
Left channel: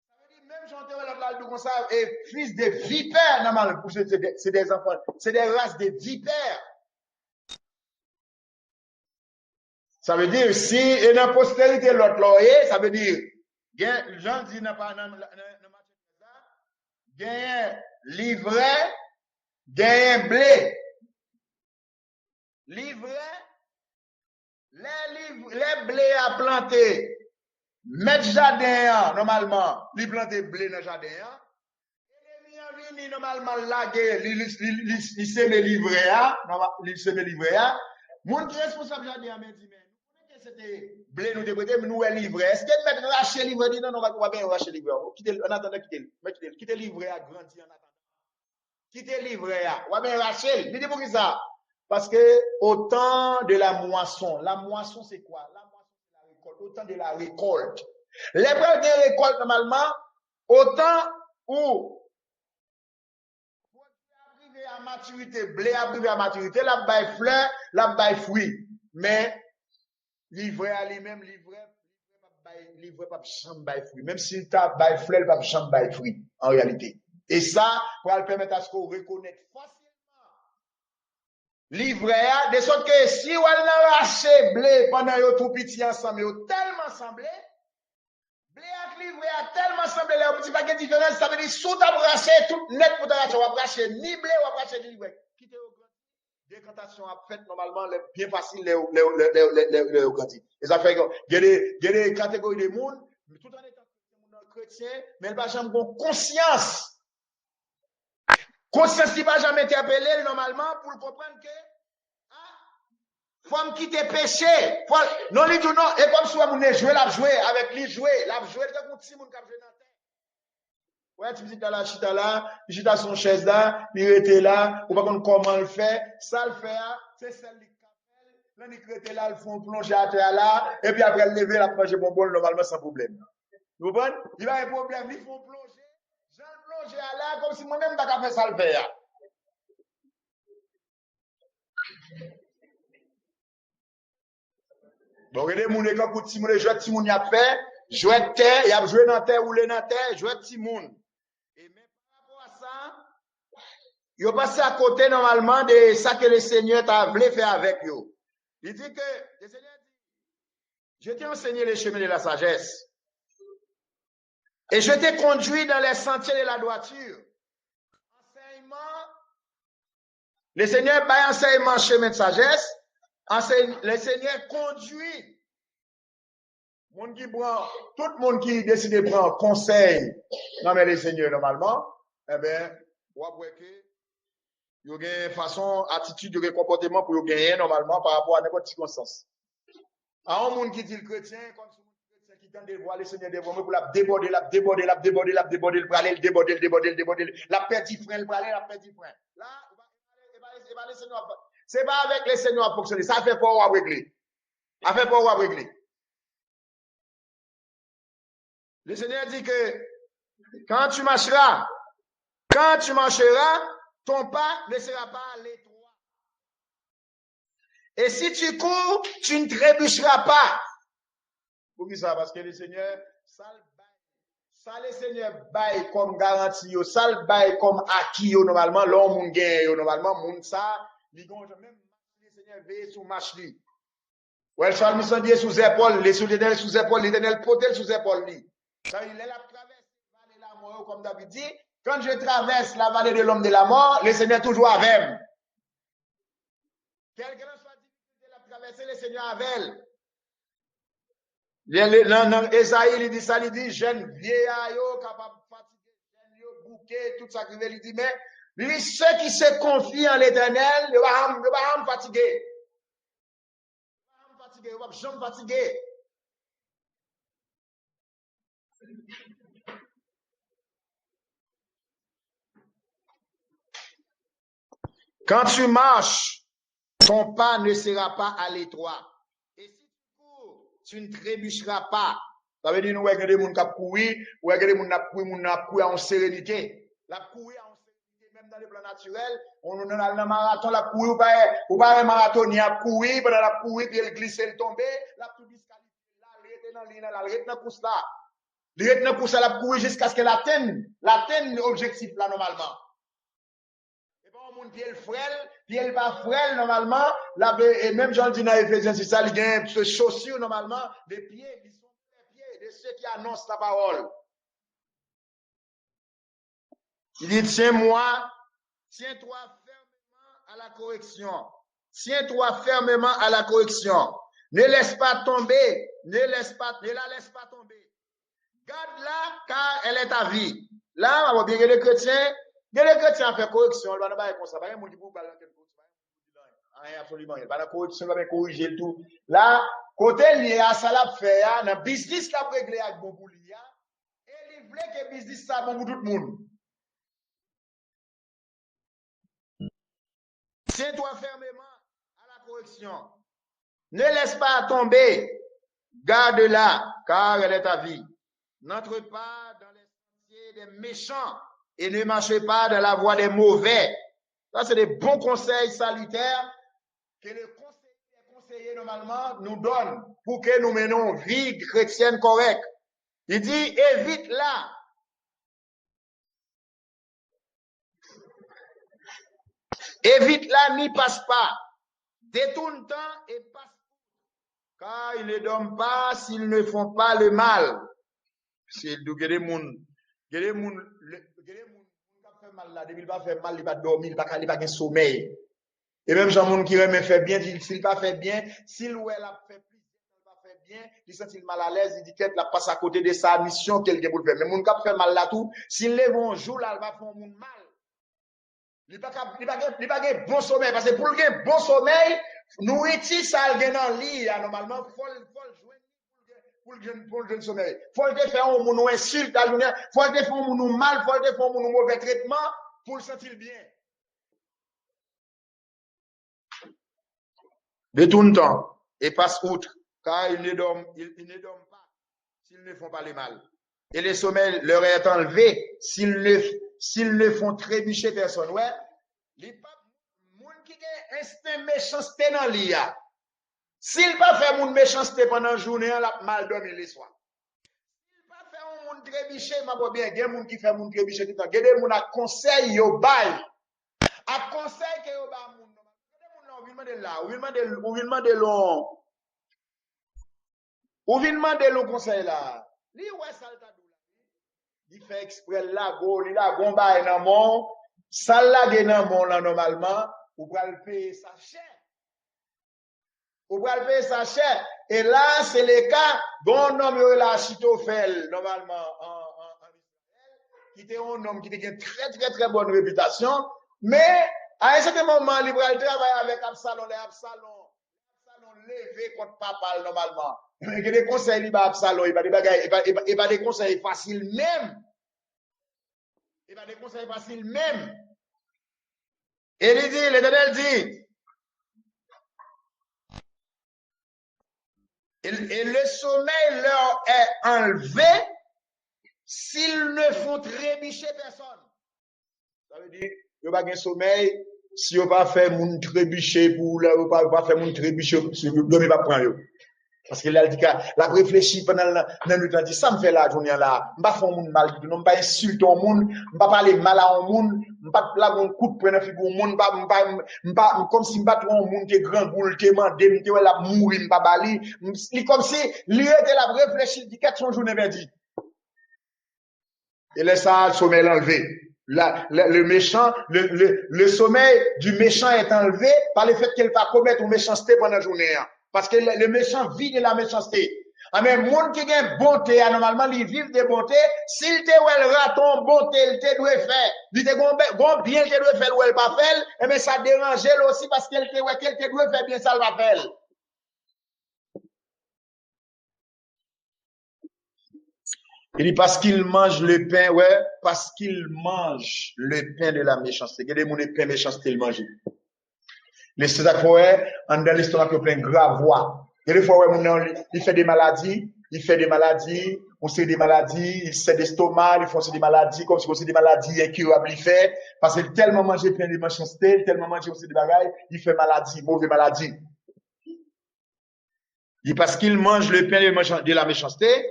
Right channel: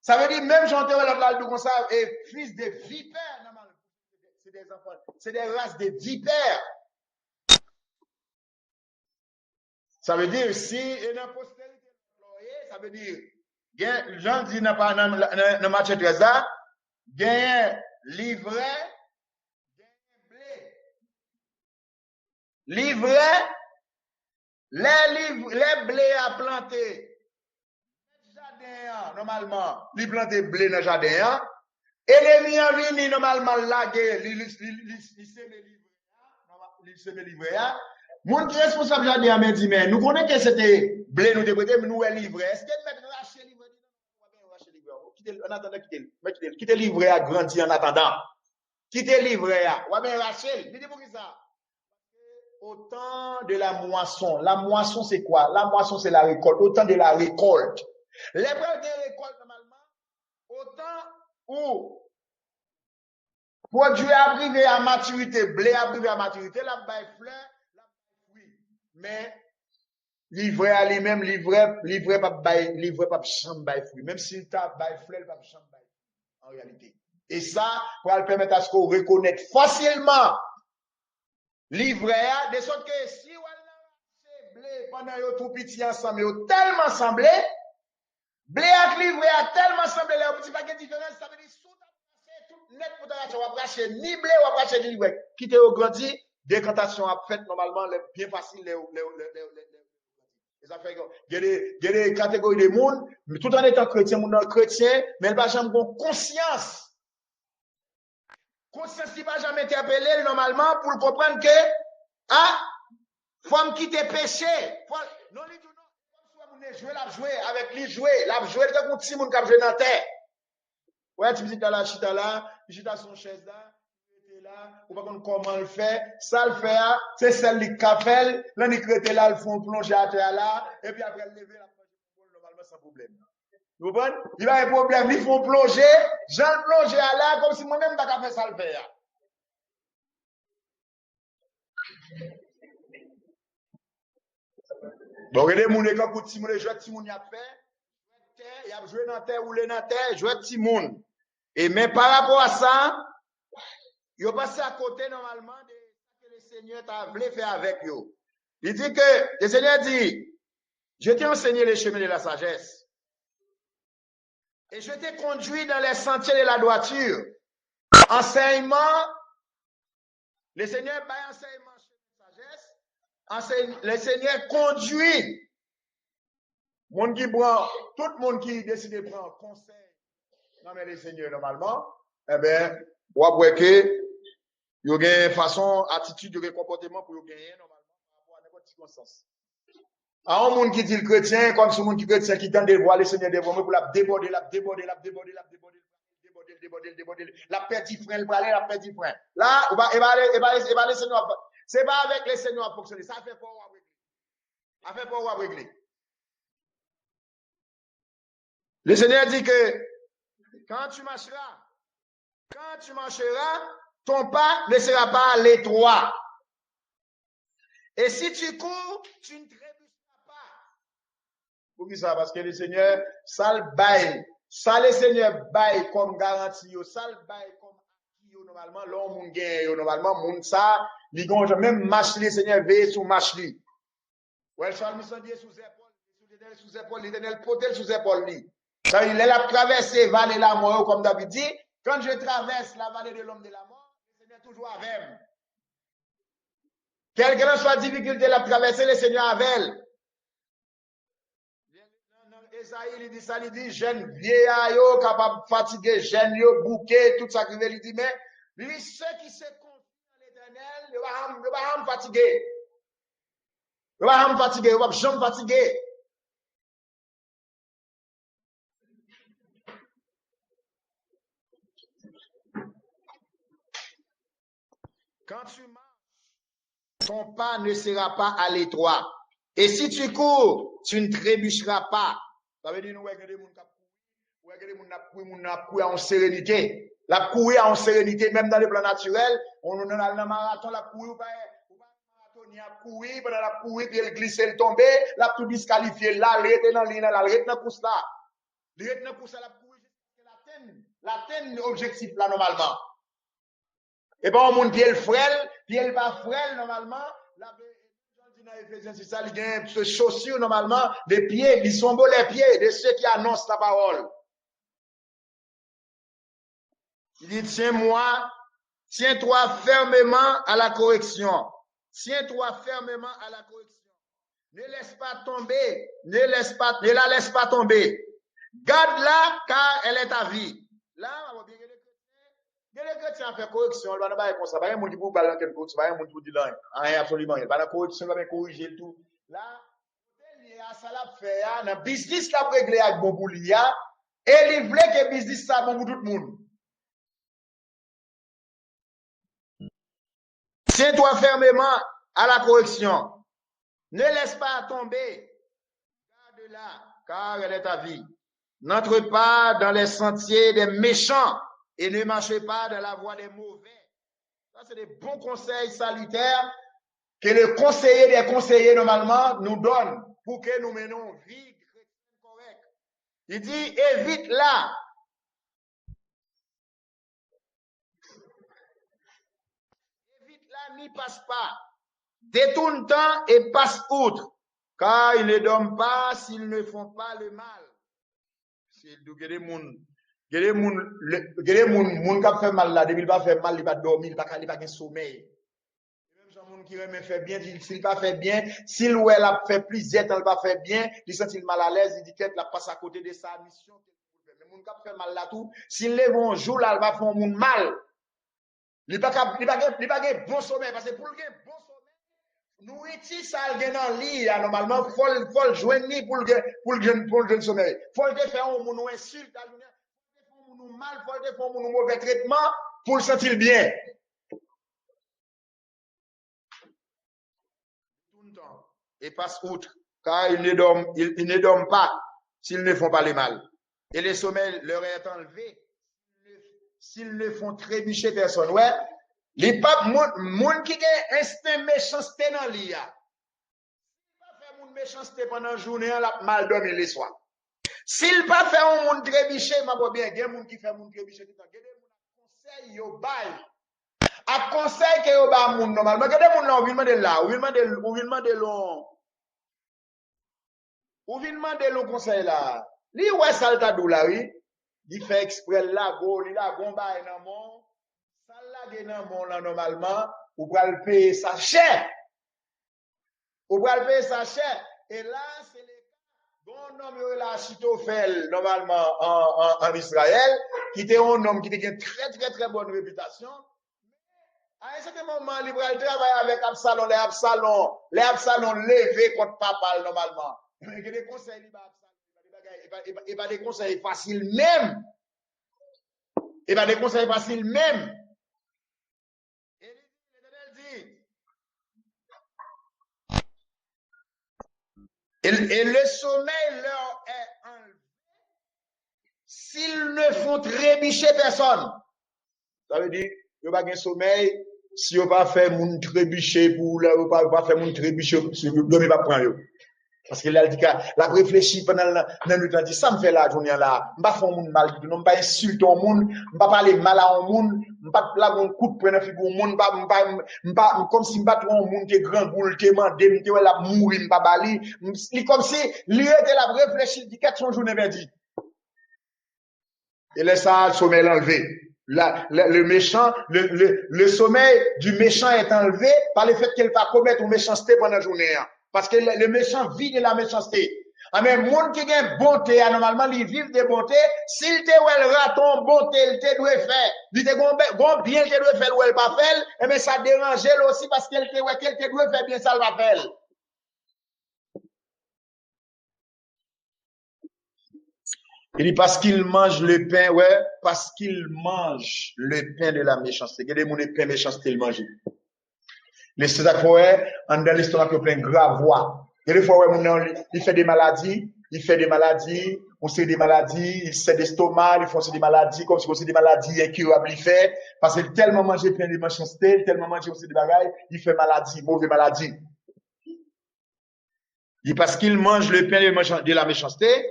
ça veut dire, même j'entends l'autre là, comme ça, et fils de vipères, normalement, c'est des enfants, c'est des races de vipères. Ça veut dire, si il y a une postérité, l'autre là, ça veut dire, Jean dit dans Matthieu 13 là, gagne livret, gagne blé. Livret, les blés à planter, mettre jardin, normalement, li planter blé dans jardin, et les miens vini, normalement, laguer, li semer livret, Moun qui responsable jardin m'a dit, mais nous connaissons que c'était blé, nous décoté, mais nous est livré. Est-ce que mettre racher livret, dit non, on va bien racher livret. En attendant, quitter livret à grandir en attendant. Quitter livret à, on va bien racher. Il dit pour qui ça? Parce que au temps de la moisson c'est quoi? La moisson c'est la récolte, au temps de la récolte. L'épreuve de récolte normalement, au temps où produit arrivé à maturité, blé arrivé à maturité, la baille fleur, la baille fruit. Mais livrer à lui-même, livrer pas chambre baille fruit. Même si tu as baille fleur, pas chambre baille fruit en réalité. Et ça pour le permettre à ce qu'on reconnaisse facilement livrer, de sorte que si on a raché blé pendant yo tout petit ensemble, yo tellement semblé, blé ak livrer a tellement semblé, les petits paquets différents, ça veut dire sous ta raché tout net pour ta raché, on va racher ni blé, on va racher ni livret. Quitte au grandi, décantation a fait normalement bien facile les grandi. Et ça fait que il y a des catégories de monde, tout en étant chrétien, mais il va jamais avoir conscience. Conscience qui va jamais interpeller normalement pour comprendre que, faut me quitter péché. Non, il dit non, et comme si on jouer, avec lui jouer, comme si on jouer dans la terre. Ouais, tu me dis, la chita là, chita son chaise là, il était là, ou pas comment le fait, ça le fait, c'est celle qui fait, là, il était là, ils font plonger à terre là, et puis après, le lever, la manger bonbon, normalement, sans problème. Vous comprenez? Il va y avoir un problème, ils font plonger, j'en plonger à là, comme si moi-même, t'as fait ça le faire. Bon, regardez, mon école, pour Timoun, jouer Timoun, y a fait, jouer terre, y a joué dans terre, roulé dans terre, jouer Timoun. Et mais par rapport à ça, il a passé à côté normalement de ça que le Seigneur t'a voulu faire avec eux. Il dit que, le Seigneur dit, je t'ai enseigné les chemins de la sagesse. Et je t'ai conduit dans les sentiers de la droiture. Enseignement, le Seigneur par enseignement chemin de sagesse, le Seigneur conduit Monde qui prend, tout le monde qui décide de prendre conseil, non mais les seigneurs normalement, eh ben, ou après que, il y a une façon, attitude, un comportement pour gagner normalement par rapport à n'importe quelle circonstance. À un monde qui dit le chrétien, comme ce monde qui chrétien qui tente de voir le Seigneur devant moi pour la déborder, la déborder, la déborder, la déborder, le praler, le déborder, le déborder, le déborder, la petit frein, le praler, la petit frein. Là, le Seigneur, c'est pas avec les Seigneurs à fonctionner, ça fait pas à régler. Ça fait pas à régler. Le Seigneur dit que quand tu marcheras, ton pas ne sera pas à l'étroit. Et si tu cours, tu ne trébucheras pas. Pour qui ça? Parce que le Seigneur, ça le bail. Ça le Seigneur bail comme garantie, ça le bail comme acquis, normalement, l'homme moun gagne, normalement, moun ça, li gonja, même marche le Seigneur veille sous marche li. Ouais, Charles Missandier sous épaule, les sous-l'éternel sous épaule, l'éternel potel sous épaule li. Quand il a traversé vallée de la mort, comme David dit, quand je traverse la vallée de l'homme de la mort, le Seigneur toujours avec moi. Quelle que soit la difficulté de traverser, le Seigneur avec elle. Dans Esaïe, il dit ça, il dit, jeune vieillard, capable de fatiguer, jeune bouquet, tout ça qu'il veut, il dit, mais lui, ceux qui se confient en l'éternel, ne va pas me fatiguer. Ne va pas me fatiguer, ne va pas me fatiguer. Quand tu marches, ton pas ne sera pas à l'étroit. Et si tu cours, tu ne trébucheras pas. Ça veut dire, nous, regardez des gens qui courent, ou regardez des gens qui courent en sérénité. La courir en sérénité, même dans le plan naturel, on a un marathon, la courir, ou pas un marathon, il y a courir, pendant la courir, puis elle glisse, elle tombe, la tout disqualifié, là, elle est dans l'île, là, elle est dans la course là. Elle est dans la course là, la courir jusqu'à ce qu'elle atteigne l'objectif là, normalement. Et pas un monde qui est le frêle, qui est pas frêle normalement, là, et même Jean dit dans Ephésiens, c'est ça, il y a une chaussure normalement, des pieds, ils sont beaux les pieds de ceux qui annoncent la parole. Il dit, tiens-toi fermement à la correction. Tiens-toi fermement à la correction. Ne laisse pas tomber, ne la laisse pas tomber. Garde-la car elle est ta vie. Là, on va bien que les chrétiens font correction, on va pas comme ça, pas un monde qui vous parle quelque chose, pas un monde qui vous dit rien absolument, il pas la correction, va corriger le tout. Là, côté lié à ça la fait, dans business la régler avec bon pour et il voulait que business ça bon pour tout le monde. Tiens-toi fermement à la correction. Ne laisse pas tomber. Garde-la, car elle est ta vie. N'entre pas dans les sentiers des méchants et ne marche pas dans la voie des mauvais. Ça, c'est des bons conseils salutaires que le conseiller des conseillers, normalement, nous donne pour que nous menons une vie chrétienne correcte. Il dit, évite-la. Évite-la, n'y passe pas. Détourne-t'en et passe outre, car ils ne dorment pas s'ils ne font pas le mal. C'est des gens qui fait mal là, depuis pas fait mal, il pas dormir, il pas de sommeil. Et même gens qui remet fait bien, s'il pas fait bien, s'il ou elle a fait plusieurs temps, il pas fait bien, il sent mal à l'aise, il dit qu'elle la passe à côté de sa mission qu'elle a pour faire. Mais gens qui fait mal là tout, s'il lève un jour là, il va faire un monde mal. Il pas bon sommeil parce que pour le bon sommeil, nous étions ça dans lit normalement faut joindre ni pour le sommeil. Faut le faire un monde insulte à journée, faut le faire un monde mal, faut le faire un monde mauvais traitement pour le sentir bien. Détourne-t'en et passe outre, car ils ne dorment pas s'ils ne font pas le mal. Et le sommeil leur est enlevé s'ils ne font trébucher personne. Ouais. Les papes, moun qui a instinct méchanceté dans l'IA. S'il pas fait moun méchanceté pendant la journée, on a mal dormi les soirs. S'il pas fait un moun trébiché, m'a pas bien, il y a moun qui fait moun trébiché tout le temps. Il y a des moun à conseil yo bail. À conseil que yo ba moun normalement. Il y a des moun là, ou vient de là, ou vient de long conseil là. Li ouais salta dou là oui. Il fait exprès là go, li là gon bail nan mon. Ça là dans mon là normalement, ou pral payer sa cher. Ou pral payer sa cher. Et là, c'est le cas d'un homme là, Achitophel, normalement en Israël, qui était un homme qui était une très, très, très bonne réputation, mais à un certain moment, il va travailler avec Absalom, les Absalom levés contre papa, normalement. Il y a des conseils, il va Absalom, il va des conseils faciles même. Il va des conseils faciles même. Et il dit, l'Éternel dit, et le sommeil leur est enlevé s'ils ne font trébucher personne. Ça veut dire, il n'y a pas de sommeil, si on pas fait mon trébucher pour là, on pas faire mon trébucher, ne pas prendre. Parce qu'il a dit que la réfléchi pendant le temps, dit ça me fait la journée là, je ne pas faire mon mal, je ne pas insulter au monde, je ne pas parler mal à un monde, je ne pas plager un coup de poing dans la figure au monde, comme si je ne pas trouver un monde qui est grand boule, qui est mandé, qui est là mourir, je ne pas bali, comme si lui était la réfléchi, dit qu'est-ce que son journée va dire. Et laisse ça, le sommeil enlevé. Le méchant, le sommeil du méchant est enlevé par le fait qu'il va commettre une méchanceté pendant la journée. Parce que le méchant vit de la méchanceté. Mais le monde qui a une bonté, normalement, il vit de bonté. S'il te le raton bonté, il te doit faire. Il te doit bien, il te doit faire ou il pas faire. Mais ça dérange aussi parce qu'il te doit faire bien, ça va faire. Il dit parce qu'il mange le pain, ouais, parce qu'il mange le pain de la méchanceté. Regardez mon pain méchanceté, il mange. Les fois, en dans l'estomac, il plein de grave voix. Il y a des fois, il fait des maladies, on sait des maladies, il sait d'estomac, il fait des maladies, comme si on sait des maladies incurables, il fait, parce qu'il tellement manger plein de méchanceté, tellement manger aussi des bagailles, il fait maladie, mauvaise maladie. Il dit parce qu'il mange le pain de la méchanceté,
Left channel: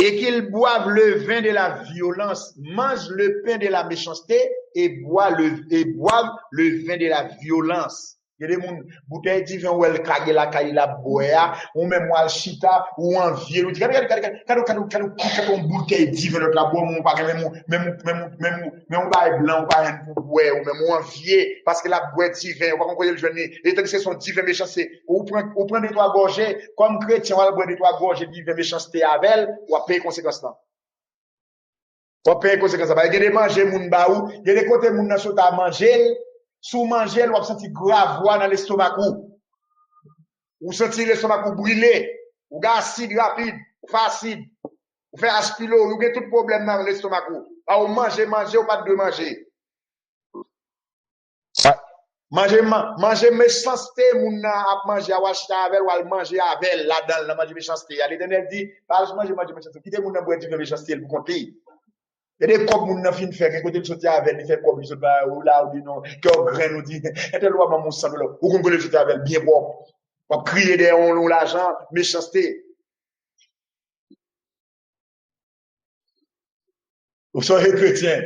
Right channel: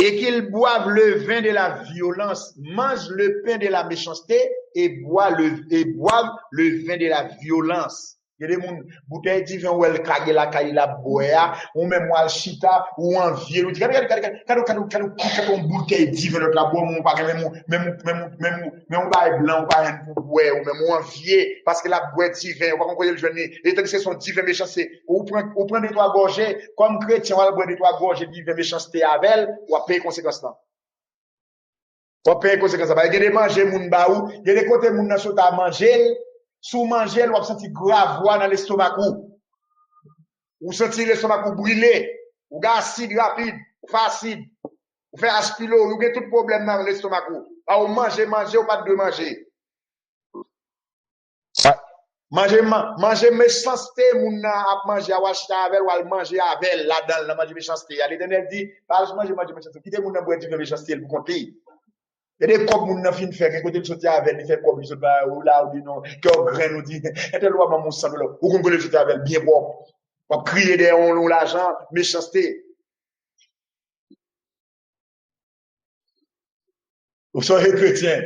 et qu'ils boivent le vin de la violence, mangent le pain de la méchanceté et boivent le vin de la violence. Il y a des gens, bouteille divin ou elle kage la kaye la boya, ou même ou al chita, ou en vieux, ou dit, quand on bouteille divin notre la boya, ou pas même pas blanc, ou pas un pour boire, ou même ou en vieux, parce que la boya divin, ou pas qu'on connaît le jeune, et tant que c'est son divin méchanceté, ou prend des trois gorgées, comme chrétien, ou boire des trois gorgées divin méchanceté avec elle, ou à payer conséquence là. Ou à payer conséquence là. Il y a des manger moun ba ou, il y a des côtés moun nan sot à manger, sous manger, ou senti grave dans l'estomac ou senti l'estomac brûler, ou acide rapide, facile, ou fait aspilo, ou avez tout problème dans l'estomac ou manger, ou pas de manger. Manger méchanceté, moun nan ap manger ou acheter avec ou al manger avec là-dedans, la manger méchanceté. L'Éternel dit, pas manger méchanceté, quittez moun nan boire du méchanceté pour compter. Il y a des comme moun nan fin faire côté de sortir avec il fait comme il se bat ou là ou dit non que grain nous dit était loi maman sang là ou qu'on le sortir avec bien propre pour crier des on l'argent méchanceté ou soyez chrétien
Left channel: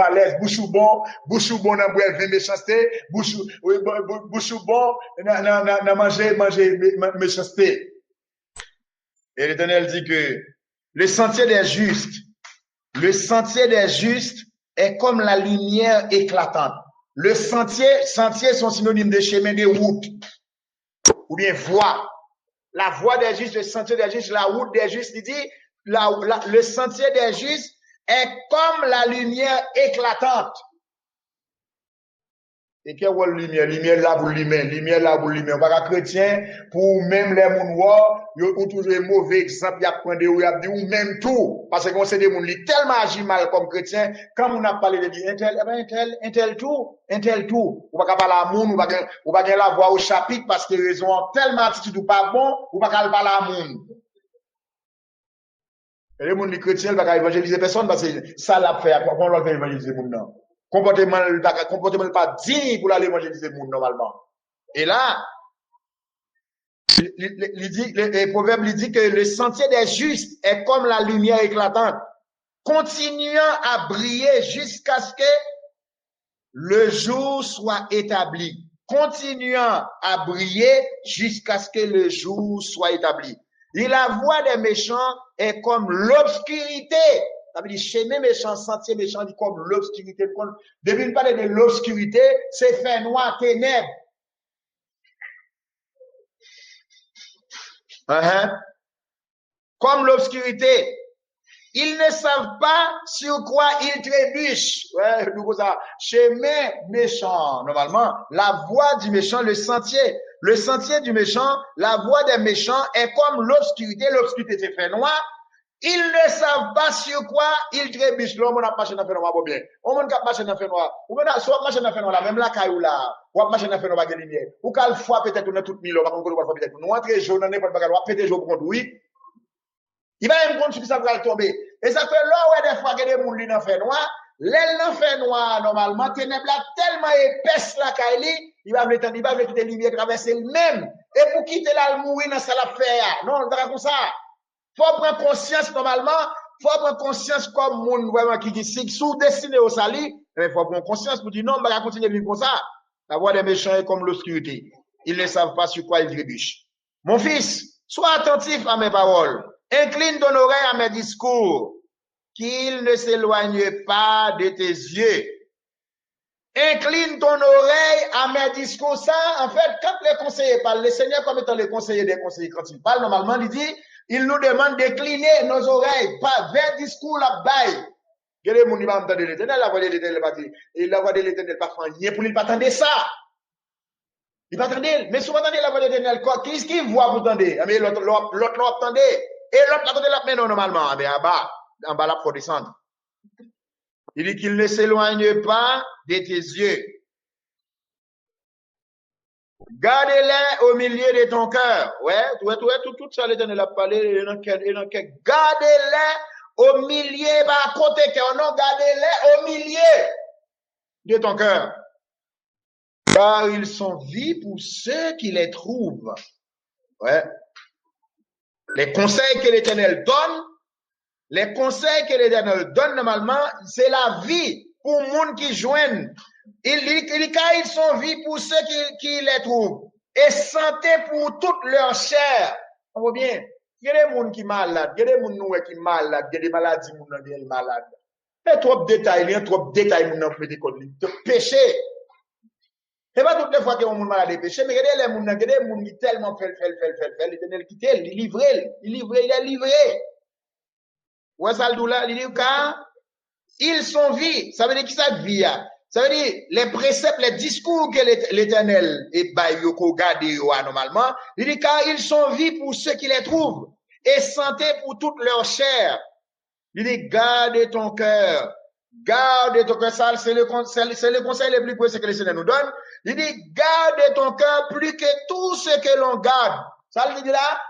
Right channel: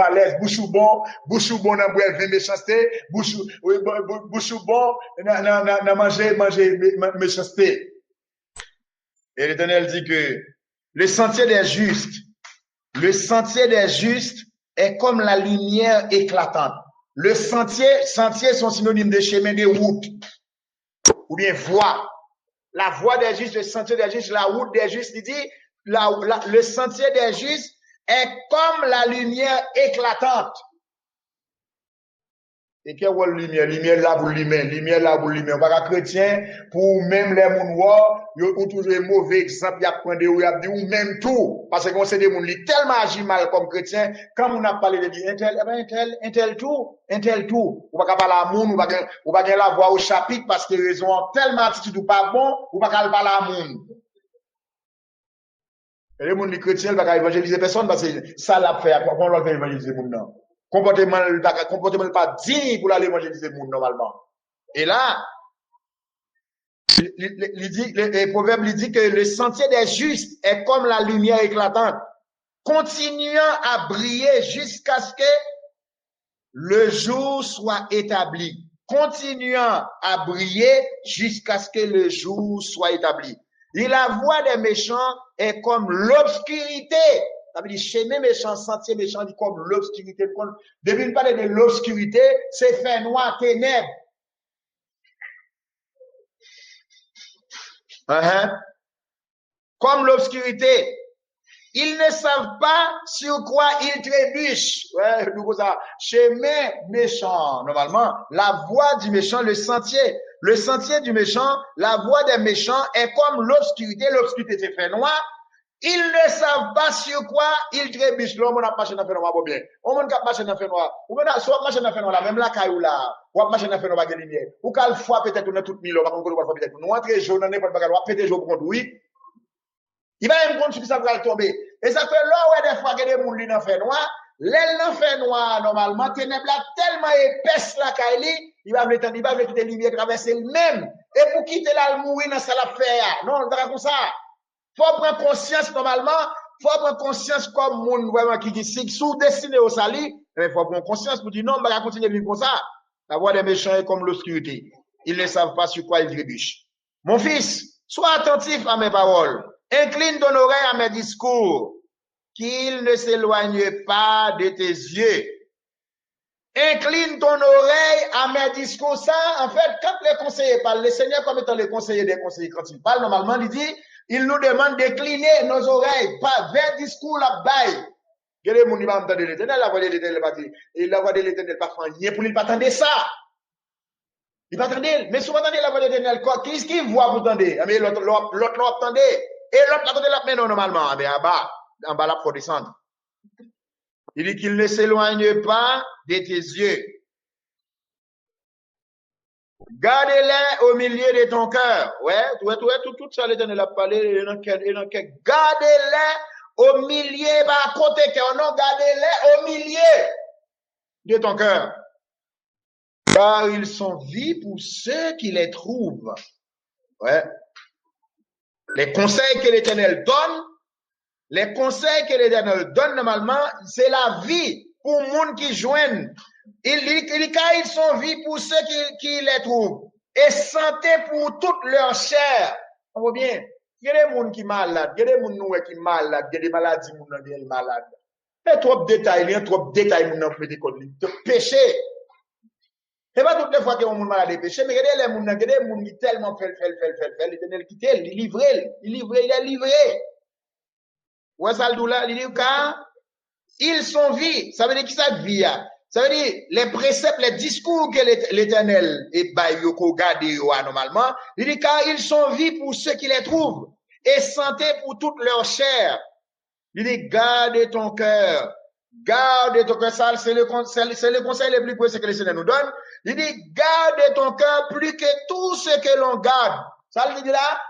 à l'aise bouche bon dans boire vin méchanceté bouche bon na manger méchanceté. Et l'Éternel dit que le sentier des justes est comme la lumière éclatante. Le sentier sont synonymes de chemin, de route, ou bien voie. La voie des justes, le sentier des justes, la route des justes, il dit, le sentier des justes est comme la lumière éclatante. Et quelle lumière? Lumière là pour lumière. On va chrétien, pour même les moun ou toujours un mauvais exemple, y a prendre ou y a dit ou même tout. Parce qu'on sait des moun li tellement agit mal comme chrétien, quand on a parlé de dire intel tout. Ou pas parler à moun, ou pas la voix au chapitre parce que raison tellement attitude ou pas bon, ou pas parler à moun. Et les moun li chrétien, pas évangéliser personne parce que ça l'a fait, on va faire évangéliser moun non. Comportement pas digne pour aller évangéliser le monde normalement. Et là, le proverbe dit que le sentier des justes est comme la lumière éclatante, continuant à briller jusqu'à ce que le jour soit établi. Continuant à briller jusqu'à ce que le jour soit établi. Et la voie des méchants est comme l'obscurité. Ça veut dire chemin méchant, sentier méchant, dit comme l'obscurité. Depuis de parler de l'obscurité, c'est fait noir, ténèbres. Comme l'obscurité. Ils ne savent pas sur quoi ils trébuchent. Ouais, nous ça. Chemin méchant. Normalement, la voie du méchant, le sentier du méchant, la voie des méchants est comme l'obscurité. L'obscurité c'est fait noir. Ils ne savent pas sur quoi ils trébuchent. L'homme on a marché dans fait noir pour bien. On a marché dans fait noir. Ou bien soit marché dans fait noir là, même la caillou là. Ou marché dans fait noir avec lumière. Ou qu'à fois peut-être on a toute mille, par contre on va peut-être nous entrer jaune dans n'importe quoi, on péter jaune contre oui. Il va même compte sur ça va tomber. Et ça fait là où des fois que des gens qui dans fait noir, l'aile dans fait noir normalement ténèbres là tellement épaisse la caille, il va mettre des lumières traverser le même. Et pour quitter là le mourir dans ça la faire. Non, on va comme ça. Faut prendre conscience normalement, faut prendre conscience comme monde vraiment qui sous destiné au salut, mais faut prendre conscience pour dire non, on va continuer de vivre comme ça. La voie des méchants est comme l'obscurité. Ils ne savent pas sur quoi ils trébuchent. Mon fils, sois attentif à mes paroles. Incline ton oreille à mes discours, qu'il ne s'éloigne pas de tes yeux. Incline ton oreille à mes discours. Ça, en fait, quand les conseillers parlent, le Seigneur comme étant les conseillers des conseillers, quand ils parlent, normalement, il nous demande d'incliner nos oreilles, pas vers discours la baille. Il y a des gens qui vont entendre l'Éternel, la voix de l'Éternel pas dire. Et la voix de l'Éternel pas faire rien pour lui pas attendre ça. Il va attendre, mais si vous entendez la voix de l'Éternel, qu'est-ce qu'il voit vous entendez? Mais l'autre l'attendez. Et l'autre l'attendez la main normalement, mais en bas là pour descendre. Il dit qu'il ne s'éloigne pas de tes yeux. Garde-les au milieu de ton cœur. Ouais, tout ça l'Éternel a parlé, gardez-les au milieu, pas à côté cœur, non, gardez-les au milieu de ton cœur. Car ils sont vie pour ceux qui les trouvent. Ouais. Les conseils que l'Éternel donne, normalement, c'est la vie pour les gens qui joignent. Il dit car ils sont vie pour ceux qui les trouvent. Et santé pour toute leur chair. On voit bien. Il y a des gens qui sont malades, il y a des gens qui sont malades, il y a des maladies qui sont malades. Il y a trop de détails, il y a trop de détails qui sont péché. C'est pas toutes les fois que on malade est péché, mais regardez les gens qui tellement fait, l'Éternel quitte, il est livré. Ouais, ça le là, il dit car ils sont vie. Ça veut dire qui ça vie? Ça veut dire les préceptes, les discours que l'Éternel est bayoko gardé normalement. Il dit car ils sont vie pour ceux qui les trouvent et santé pour toute leur chair. Il dit garde ton cœur. Garde ton cœur, ça c'est le conseil le plus précieux que le Seigneur nous donne. Il dit garde ton cœur plus que tout ce que l'on garde. Ça il dit là,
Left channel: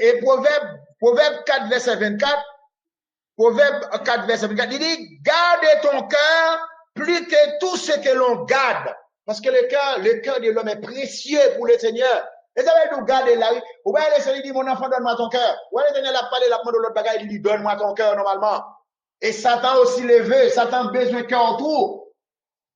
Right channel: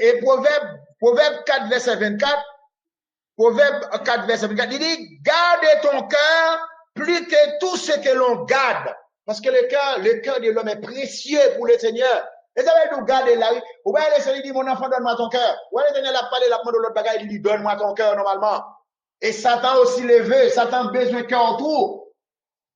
et Proverbe 4 verset 24. Proverbe 4 verset 24. Il dit garde ton cœur plus que tout ce que l'on garde. Parce que le cœur de l'homme est précieux pour le Seigneur. Et ça veut nous garder là. Ou bien le Seigneur dit mon enfant donne-moi ton cœur. Ou bien le Seigneur a parlé la demande de l'autre bagaille, il dit donne-moi ton cœur normalement. Et Satan aussi le veut. Satan besoin de cœur autour.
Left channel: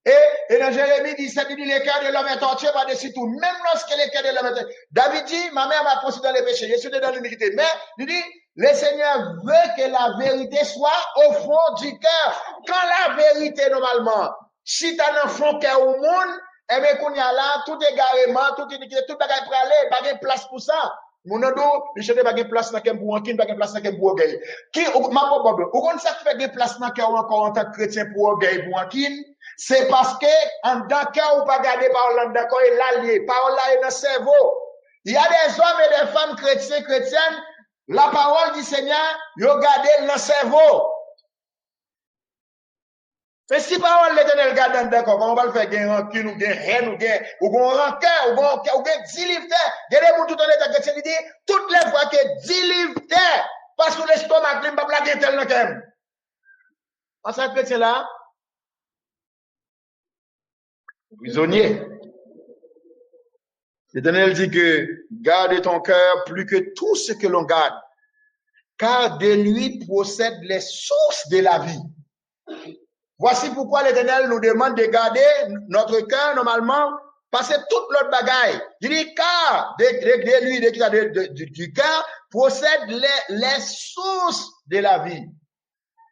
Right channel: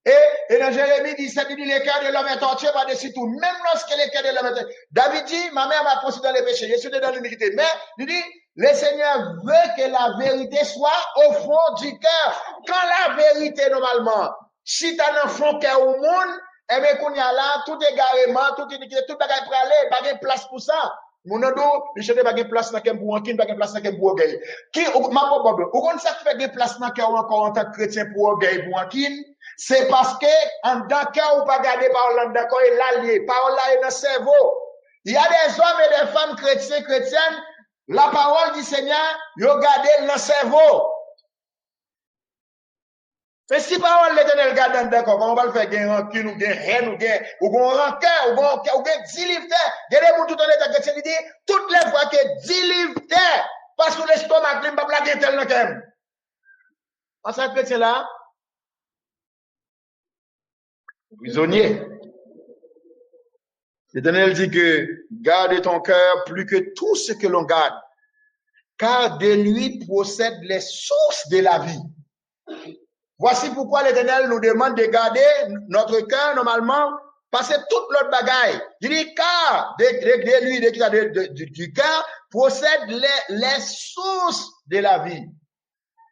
Et dans Jérémie 17, il dit le cœur de l'homme est torturé par-dessus tout. Même lorsque le cœur de l'homme est torturé. David dit, ma mère m'a poussé dans les péchés. Je suis dans l'humilité. Mais, il dit, le Seigneur veut que la vérité soit au fond du cœur. Quand la vérité, normalement, si tu as un fond cœur au monde, eh bien, qu'on y a là, tout égarément, tout bagaille pour aller, pas de place pour ça. Mon ado, il cherche pas de place dans quel bourg, pas de place dans quel bourg. Qui, ma pauvre, ou qu'on ça fait des places dans cœur encore en tant que chrétien pour orgueil, pour c'est parce que, en tant que ou pas garder parole d'accord, et l'allié, parole là est dans le cerveau. Il y a des hommes et des femmes chrétiennes, la parole du Seigneur, ils ont gardé dans le cerveau. Mais si parole l'Éternel garde d'accord, comment on va le faire? Gain rancune, ou gain haine, ou gain rancœur, ou gain 10 livres terre. Il y a des gens tout en état chrétien, il dit, toutes les fois que 10 livres terre, parce que l'estomac, il ne va pas blaguer tel n'importe. En ce chrétien là, prisonnier. L'Éternel dit que garde ton cœur plus que tout ce que l'on garde, car de lui procèdent les sources de la vie. Voici pourquoi l'Éternel nous demande de garder notre cœur normalement, parce que toute notre bagaille. Il dit car de lui, du cœur, procèdent les sources de la vie.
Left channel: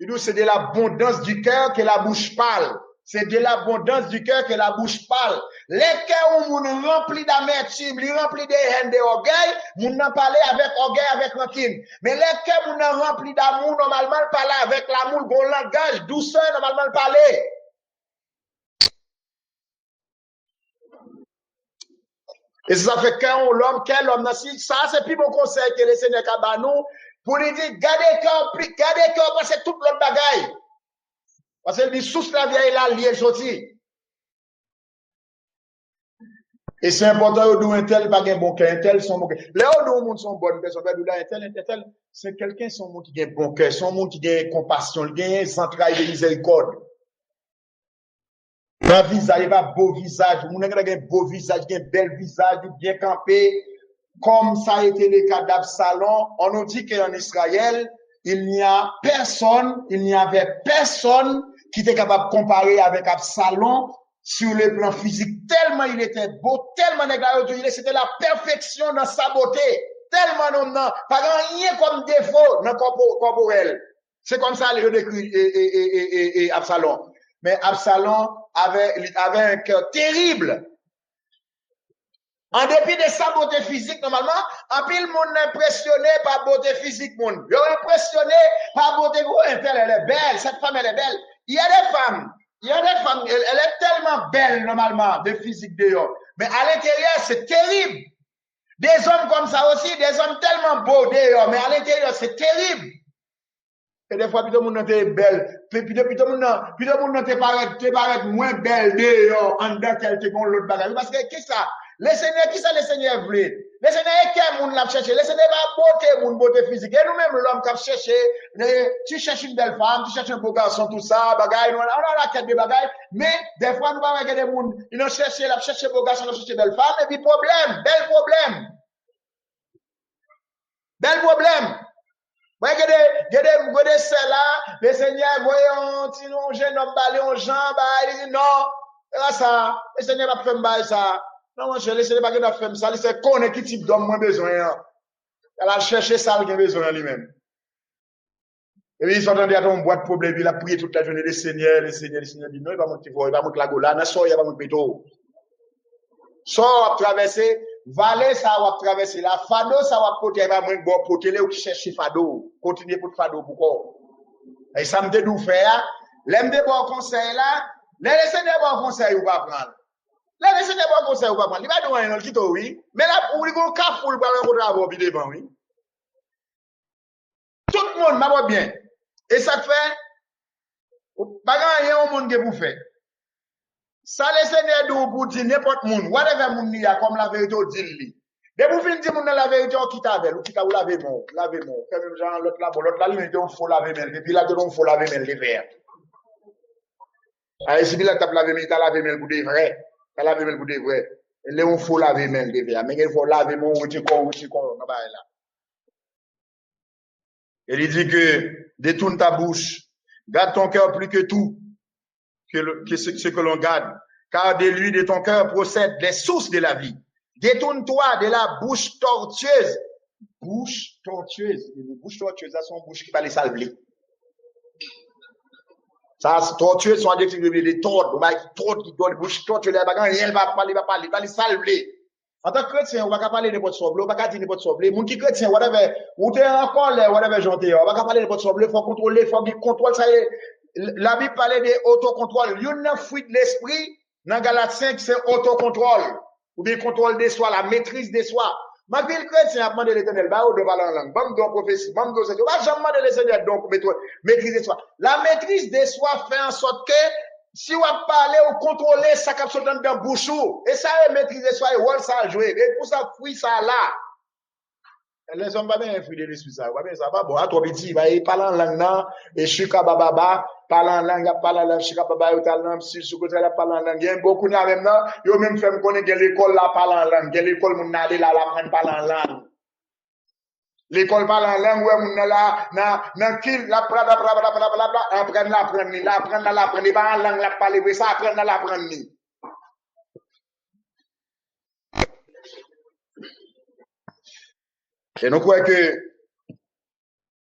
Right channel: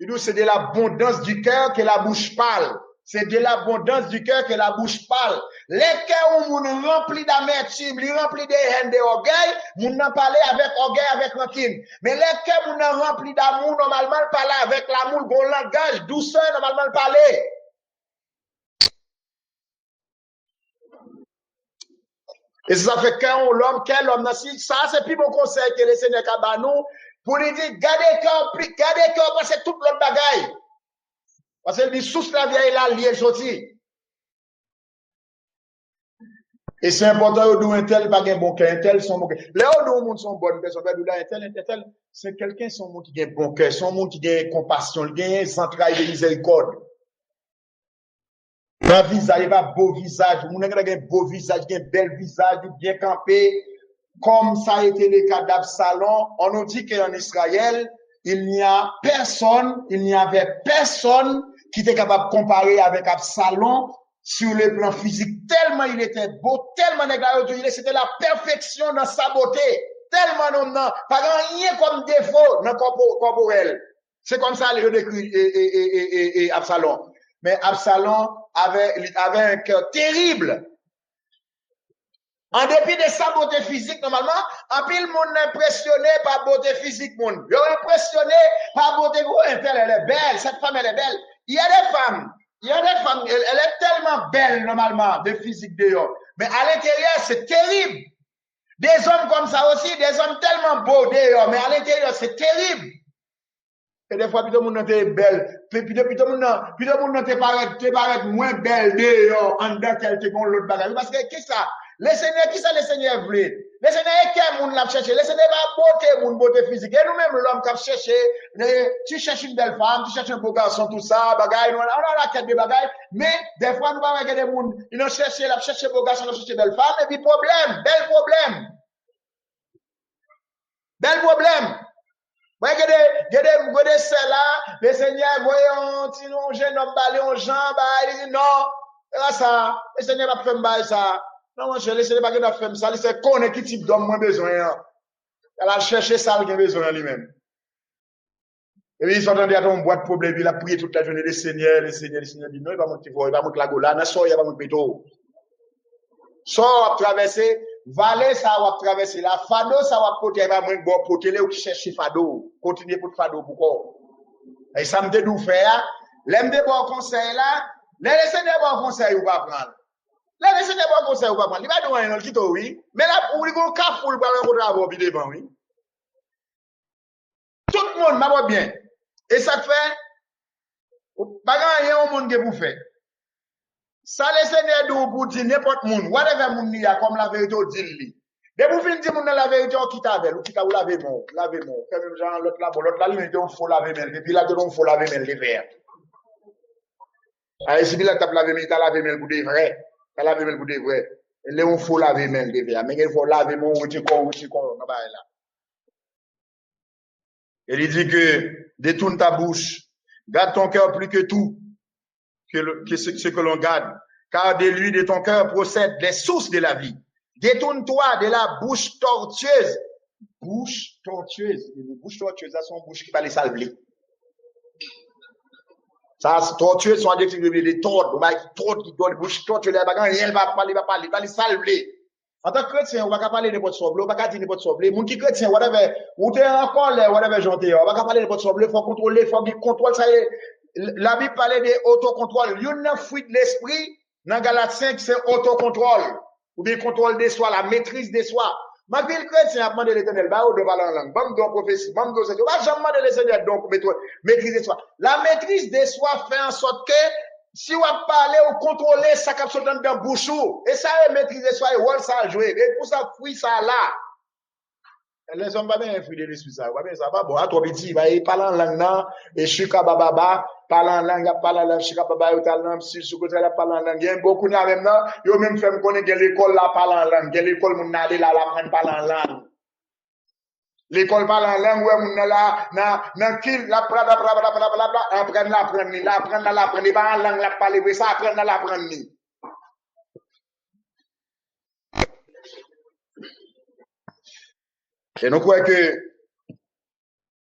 Il dit c'est de l'abondance du cœur que la bouche parle. c'est de l'abondance du cœur que la bouche parle. Les cœurs où moun rempli d'amertume, li rempli de haine, de orgueil, moun nan parler avec orgueil, avec rancune. Mais les cœurs moun nan rempli d'amour, normalement, parler avec l'amour, bon langage, douceur, normalement, parler. Et ça fait quand l'homme, quel homme, ça c'est plus bon conseil que le Seigneur Kabanou, pour lui dire, gardez cœur, parce que toute l'autre bagaille. Parce qu'il dit, sous la vieille là, lié sorti. Et c'est important, d'où un tel, pas un bon cœur, un tel, son bon cœur. Là où nous, monde sont bonnes personnes, un tel, c'est quelqu'un, son monde qui a un bon cœur, son monde qui a compassion, qui a un entrailles de miséricorde. Un visage, pas beau visage, mon a un beau visage, un bel visage, bien campé, comme ça a été le cas d'Absalom. On nous dit qu'en Israël, il n'y avait personne qui était capable de comparer avec Absalom sur le plan physique. Tellement il était beau, tellement négligé, c'était la perfection dans sa beauté. Tellement non, pas rien comme défaut dans corporel. C'est comme ça le décrit Absalom. Mais Absalom avait un cœur terrible. En dépit de sa beauté physique, normalement, en pile monde impressionné par beauté physique, monde. Ils sont impressionné par beauté. Elle est belle, cette femme, elle est belle. Il y a des femmes, elle est tellement belle, normalement, de physique d'ailleurs. Mais à l'intérieur, c'est terrible. Des hommes comme ça aussi, des hommes tellement beaux d'ailleurs, mais à l'intérieur, c'est terrible. Et des fois, puis tout le monde est belle. Puis tout le monde te paraît moins belle d'ailleurs, en dedans qu'elle te gonne l'autre bagage. Parce que, qui ça? Le Seigneur voulait? Le Seigneur est quel monde l'a cherché? Le Seigneur va beauté physique. Et nous-mêmes, l'homme qui a cherché, tu cherches une belle femme, tu cherches un beau garçon, tout ça, bagaille, on a la quête de bagaille. Mais, des fois, nous va regarder des gens, ils ont cherché, beau garçon, ils ont cherché belle femme, et puis bel problème. Regardez celle-là, le Seigneur, voyons, sinon, jeune homme, balé, on jambe, il dit non, là, ça, le Seigneur va faire ça. Non, mon cher, le Seigneur va faire ça, il sait qu'on est qui type d'homme moins besoin. Elle a cherché ça, il a besoin lui-même. Et puis, ils sont en train de ton boîte de problème, il a prié toute la journée, le Seigneur dit non, il va monter la gola, il va monter péto. Sort à traverser, vallée, ça va traverser, la fado, ça va porter, il va porter là où tu cherches fado, continuer pour fado, pourquoi? Et ça me dit d'où faire, l'aime de bon conseil là, les Seigneur bon conseil ou pas prendre. Les Seigneur bon conseil ou pas prendre. Il va donner un petit oui, mais là, pour le cafou, il va rencontrer avant, puis devant, oui. Tout le monde m'a bien. Et ça fait, pas grand monde que vous faites. Ça, le Seigneur d'où pour dire n'importe monde, whatever monde y a comme la vérité au dit. Dès vous finissez monde la vérité, on quitte avec, ou quitte ou laver mon. Fait même genre l'autre là, il faut laver même. Et puis là, il faut laver même les verres. Ah, si là, t'as lavé même, t'as lavé même pour des vrais. T'as lavé même pour des vrais. Et là, on faut laver même les verres. Mais il faut laver mon, ou tu con, là. Et il dit que, détourne ta bouche, garde ton cœur plus que tout. Que ce que l'on garde, car de lui, de ton cœur, procèdent les sources de la vie. Détourne-toi de la bouche tortueuse. Bouche tortueuse. Une bouche tortueuse, ça, c'est une bouche qui va les salver. Ça, c'est tortueuse, sont adjectifs de tordre, qui donne bouche tortueuse, elle va parler, va les salver. En tant que chrétien, on va pas parler de votre soble, on va pas dire de votre soble. Moun qui chrétien, whatever, ou t'es encore là, whatever, j'entends, on va pas parler de votre soble, faut contrôler, faut bien contrôle, ça y est. La Bible parlait de autocontrôle. Il y a une fuite de l'esprit. Dans Galates 5, c'est autocontrôle. Ou bien contrôle de soi, la maîtrise de soi. Ma ville chrétien a demandé l'éternel, bah, de parler en langue. Bam, donc, prophétie, bam, donc, c'est tout. Bah, j'ai demandé le Seigneur, donc, maîtrise de soi. La maîtrise de soi fait en sorte que, si on parle ou contrôler, ça capte dans le bouche. Et ça, maîtrise de soi, et rôle ça a joué. Et pour ça, fuit ça là. Les hommes, pas bien fruit de l'esprit, ça. Ça va bon. À toi, petit, il parle en langue, non, et chika bababa, parle en langue, chika bababa, ou tal, non, si, sous côté, là, parle en langue. Il y a beaucoup, là, même, non, yo même fait me connaître que l'école, là, parle en langue. Que l'école, mon allé, là, l'apprendre parle en langue. L'école parle en langue, ouais, mon là, nan, kill, la, apprendre, pas en langue, la, parler, ça, apprendre. Et nous croyons que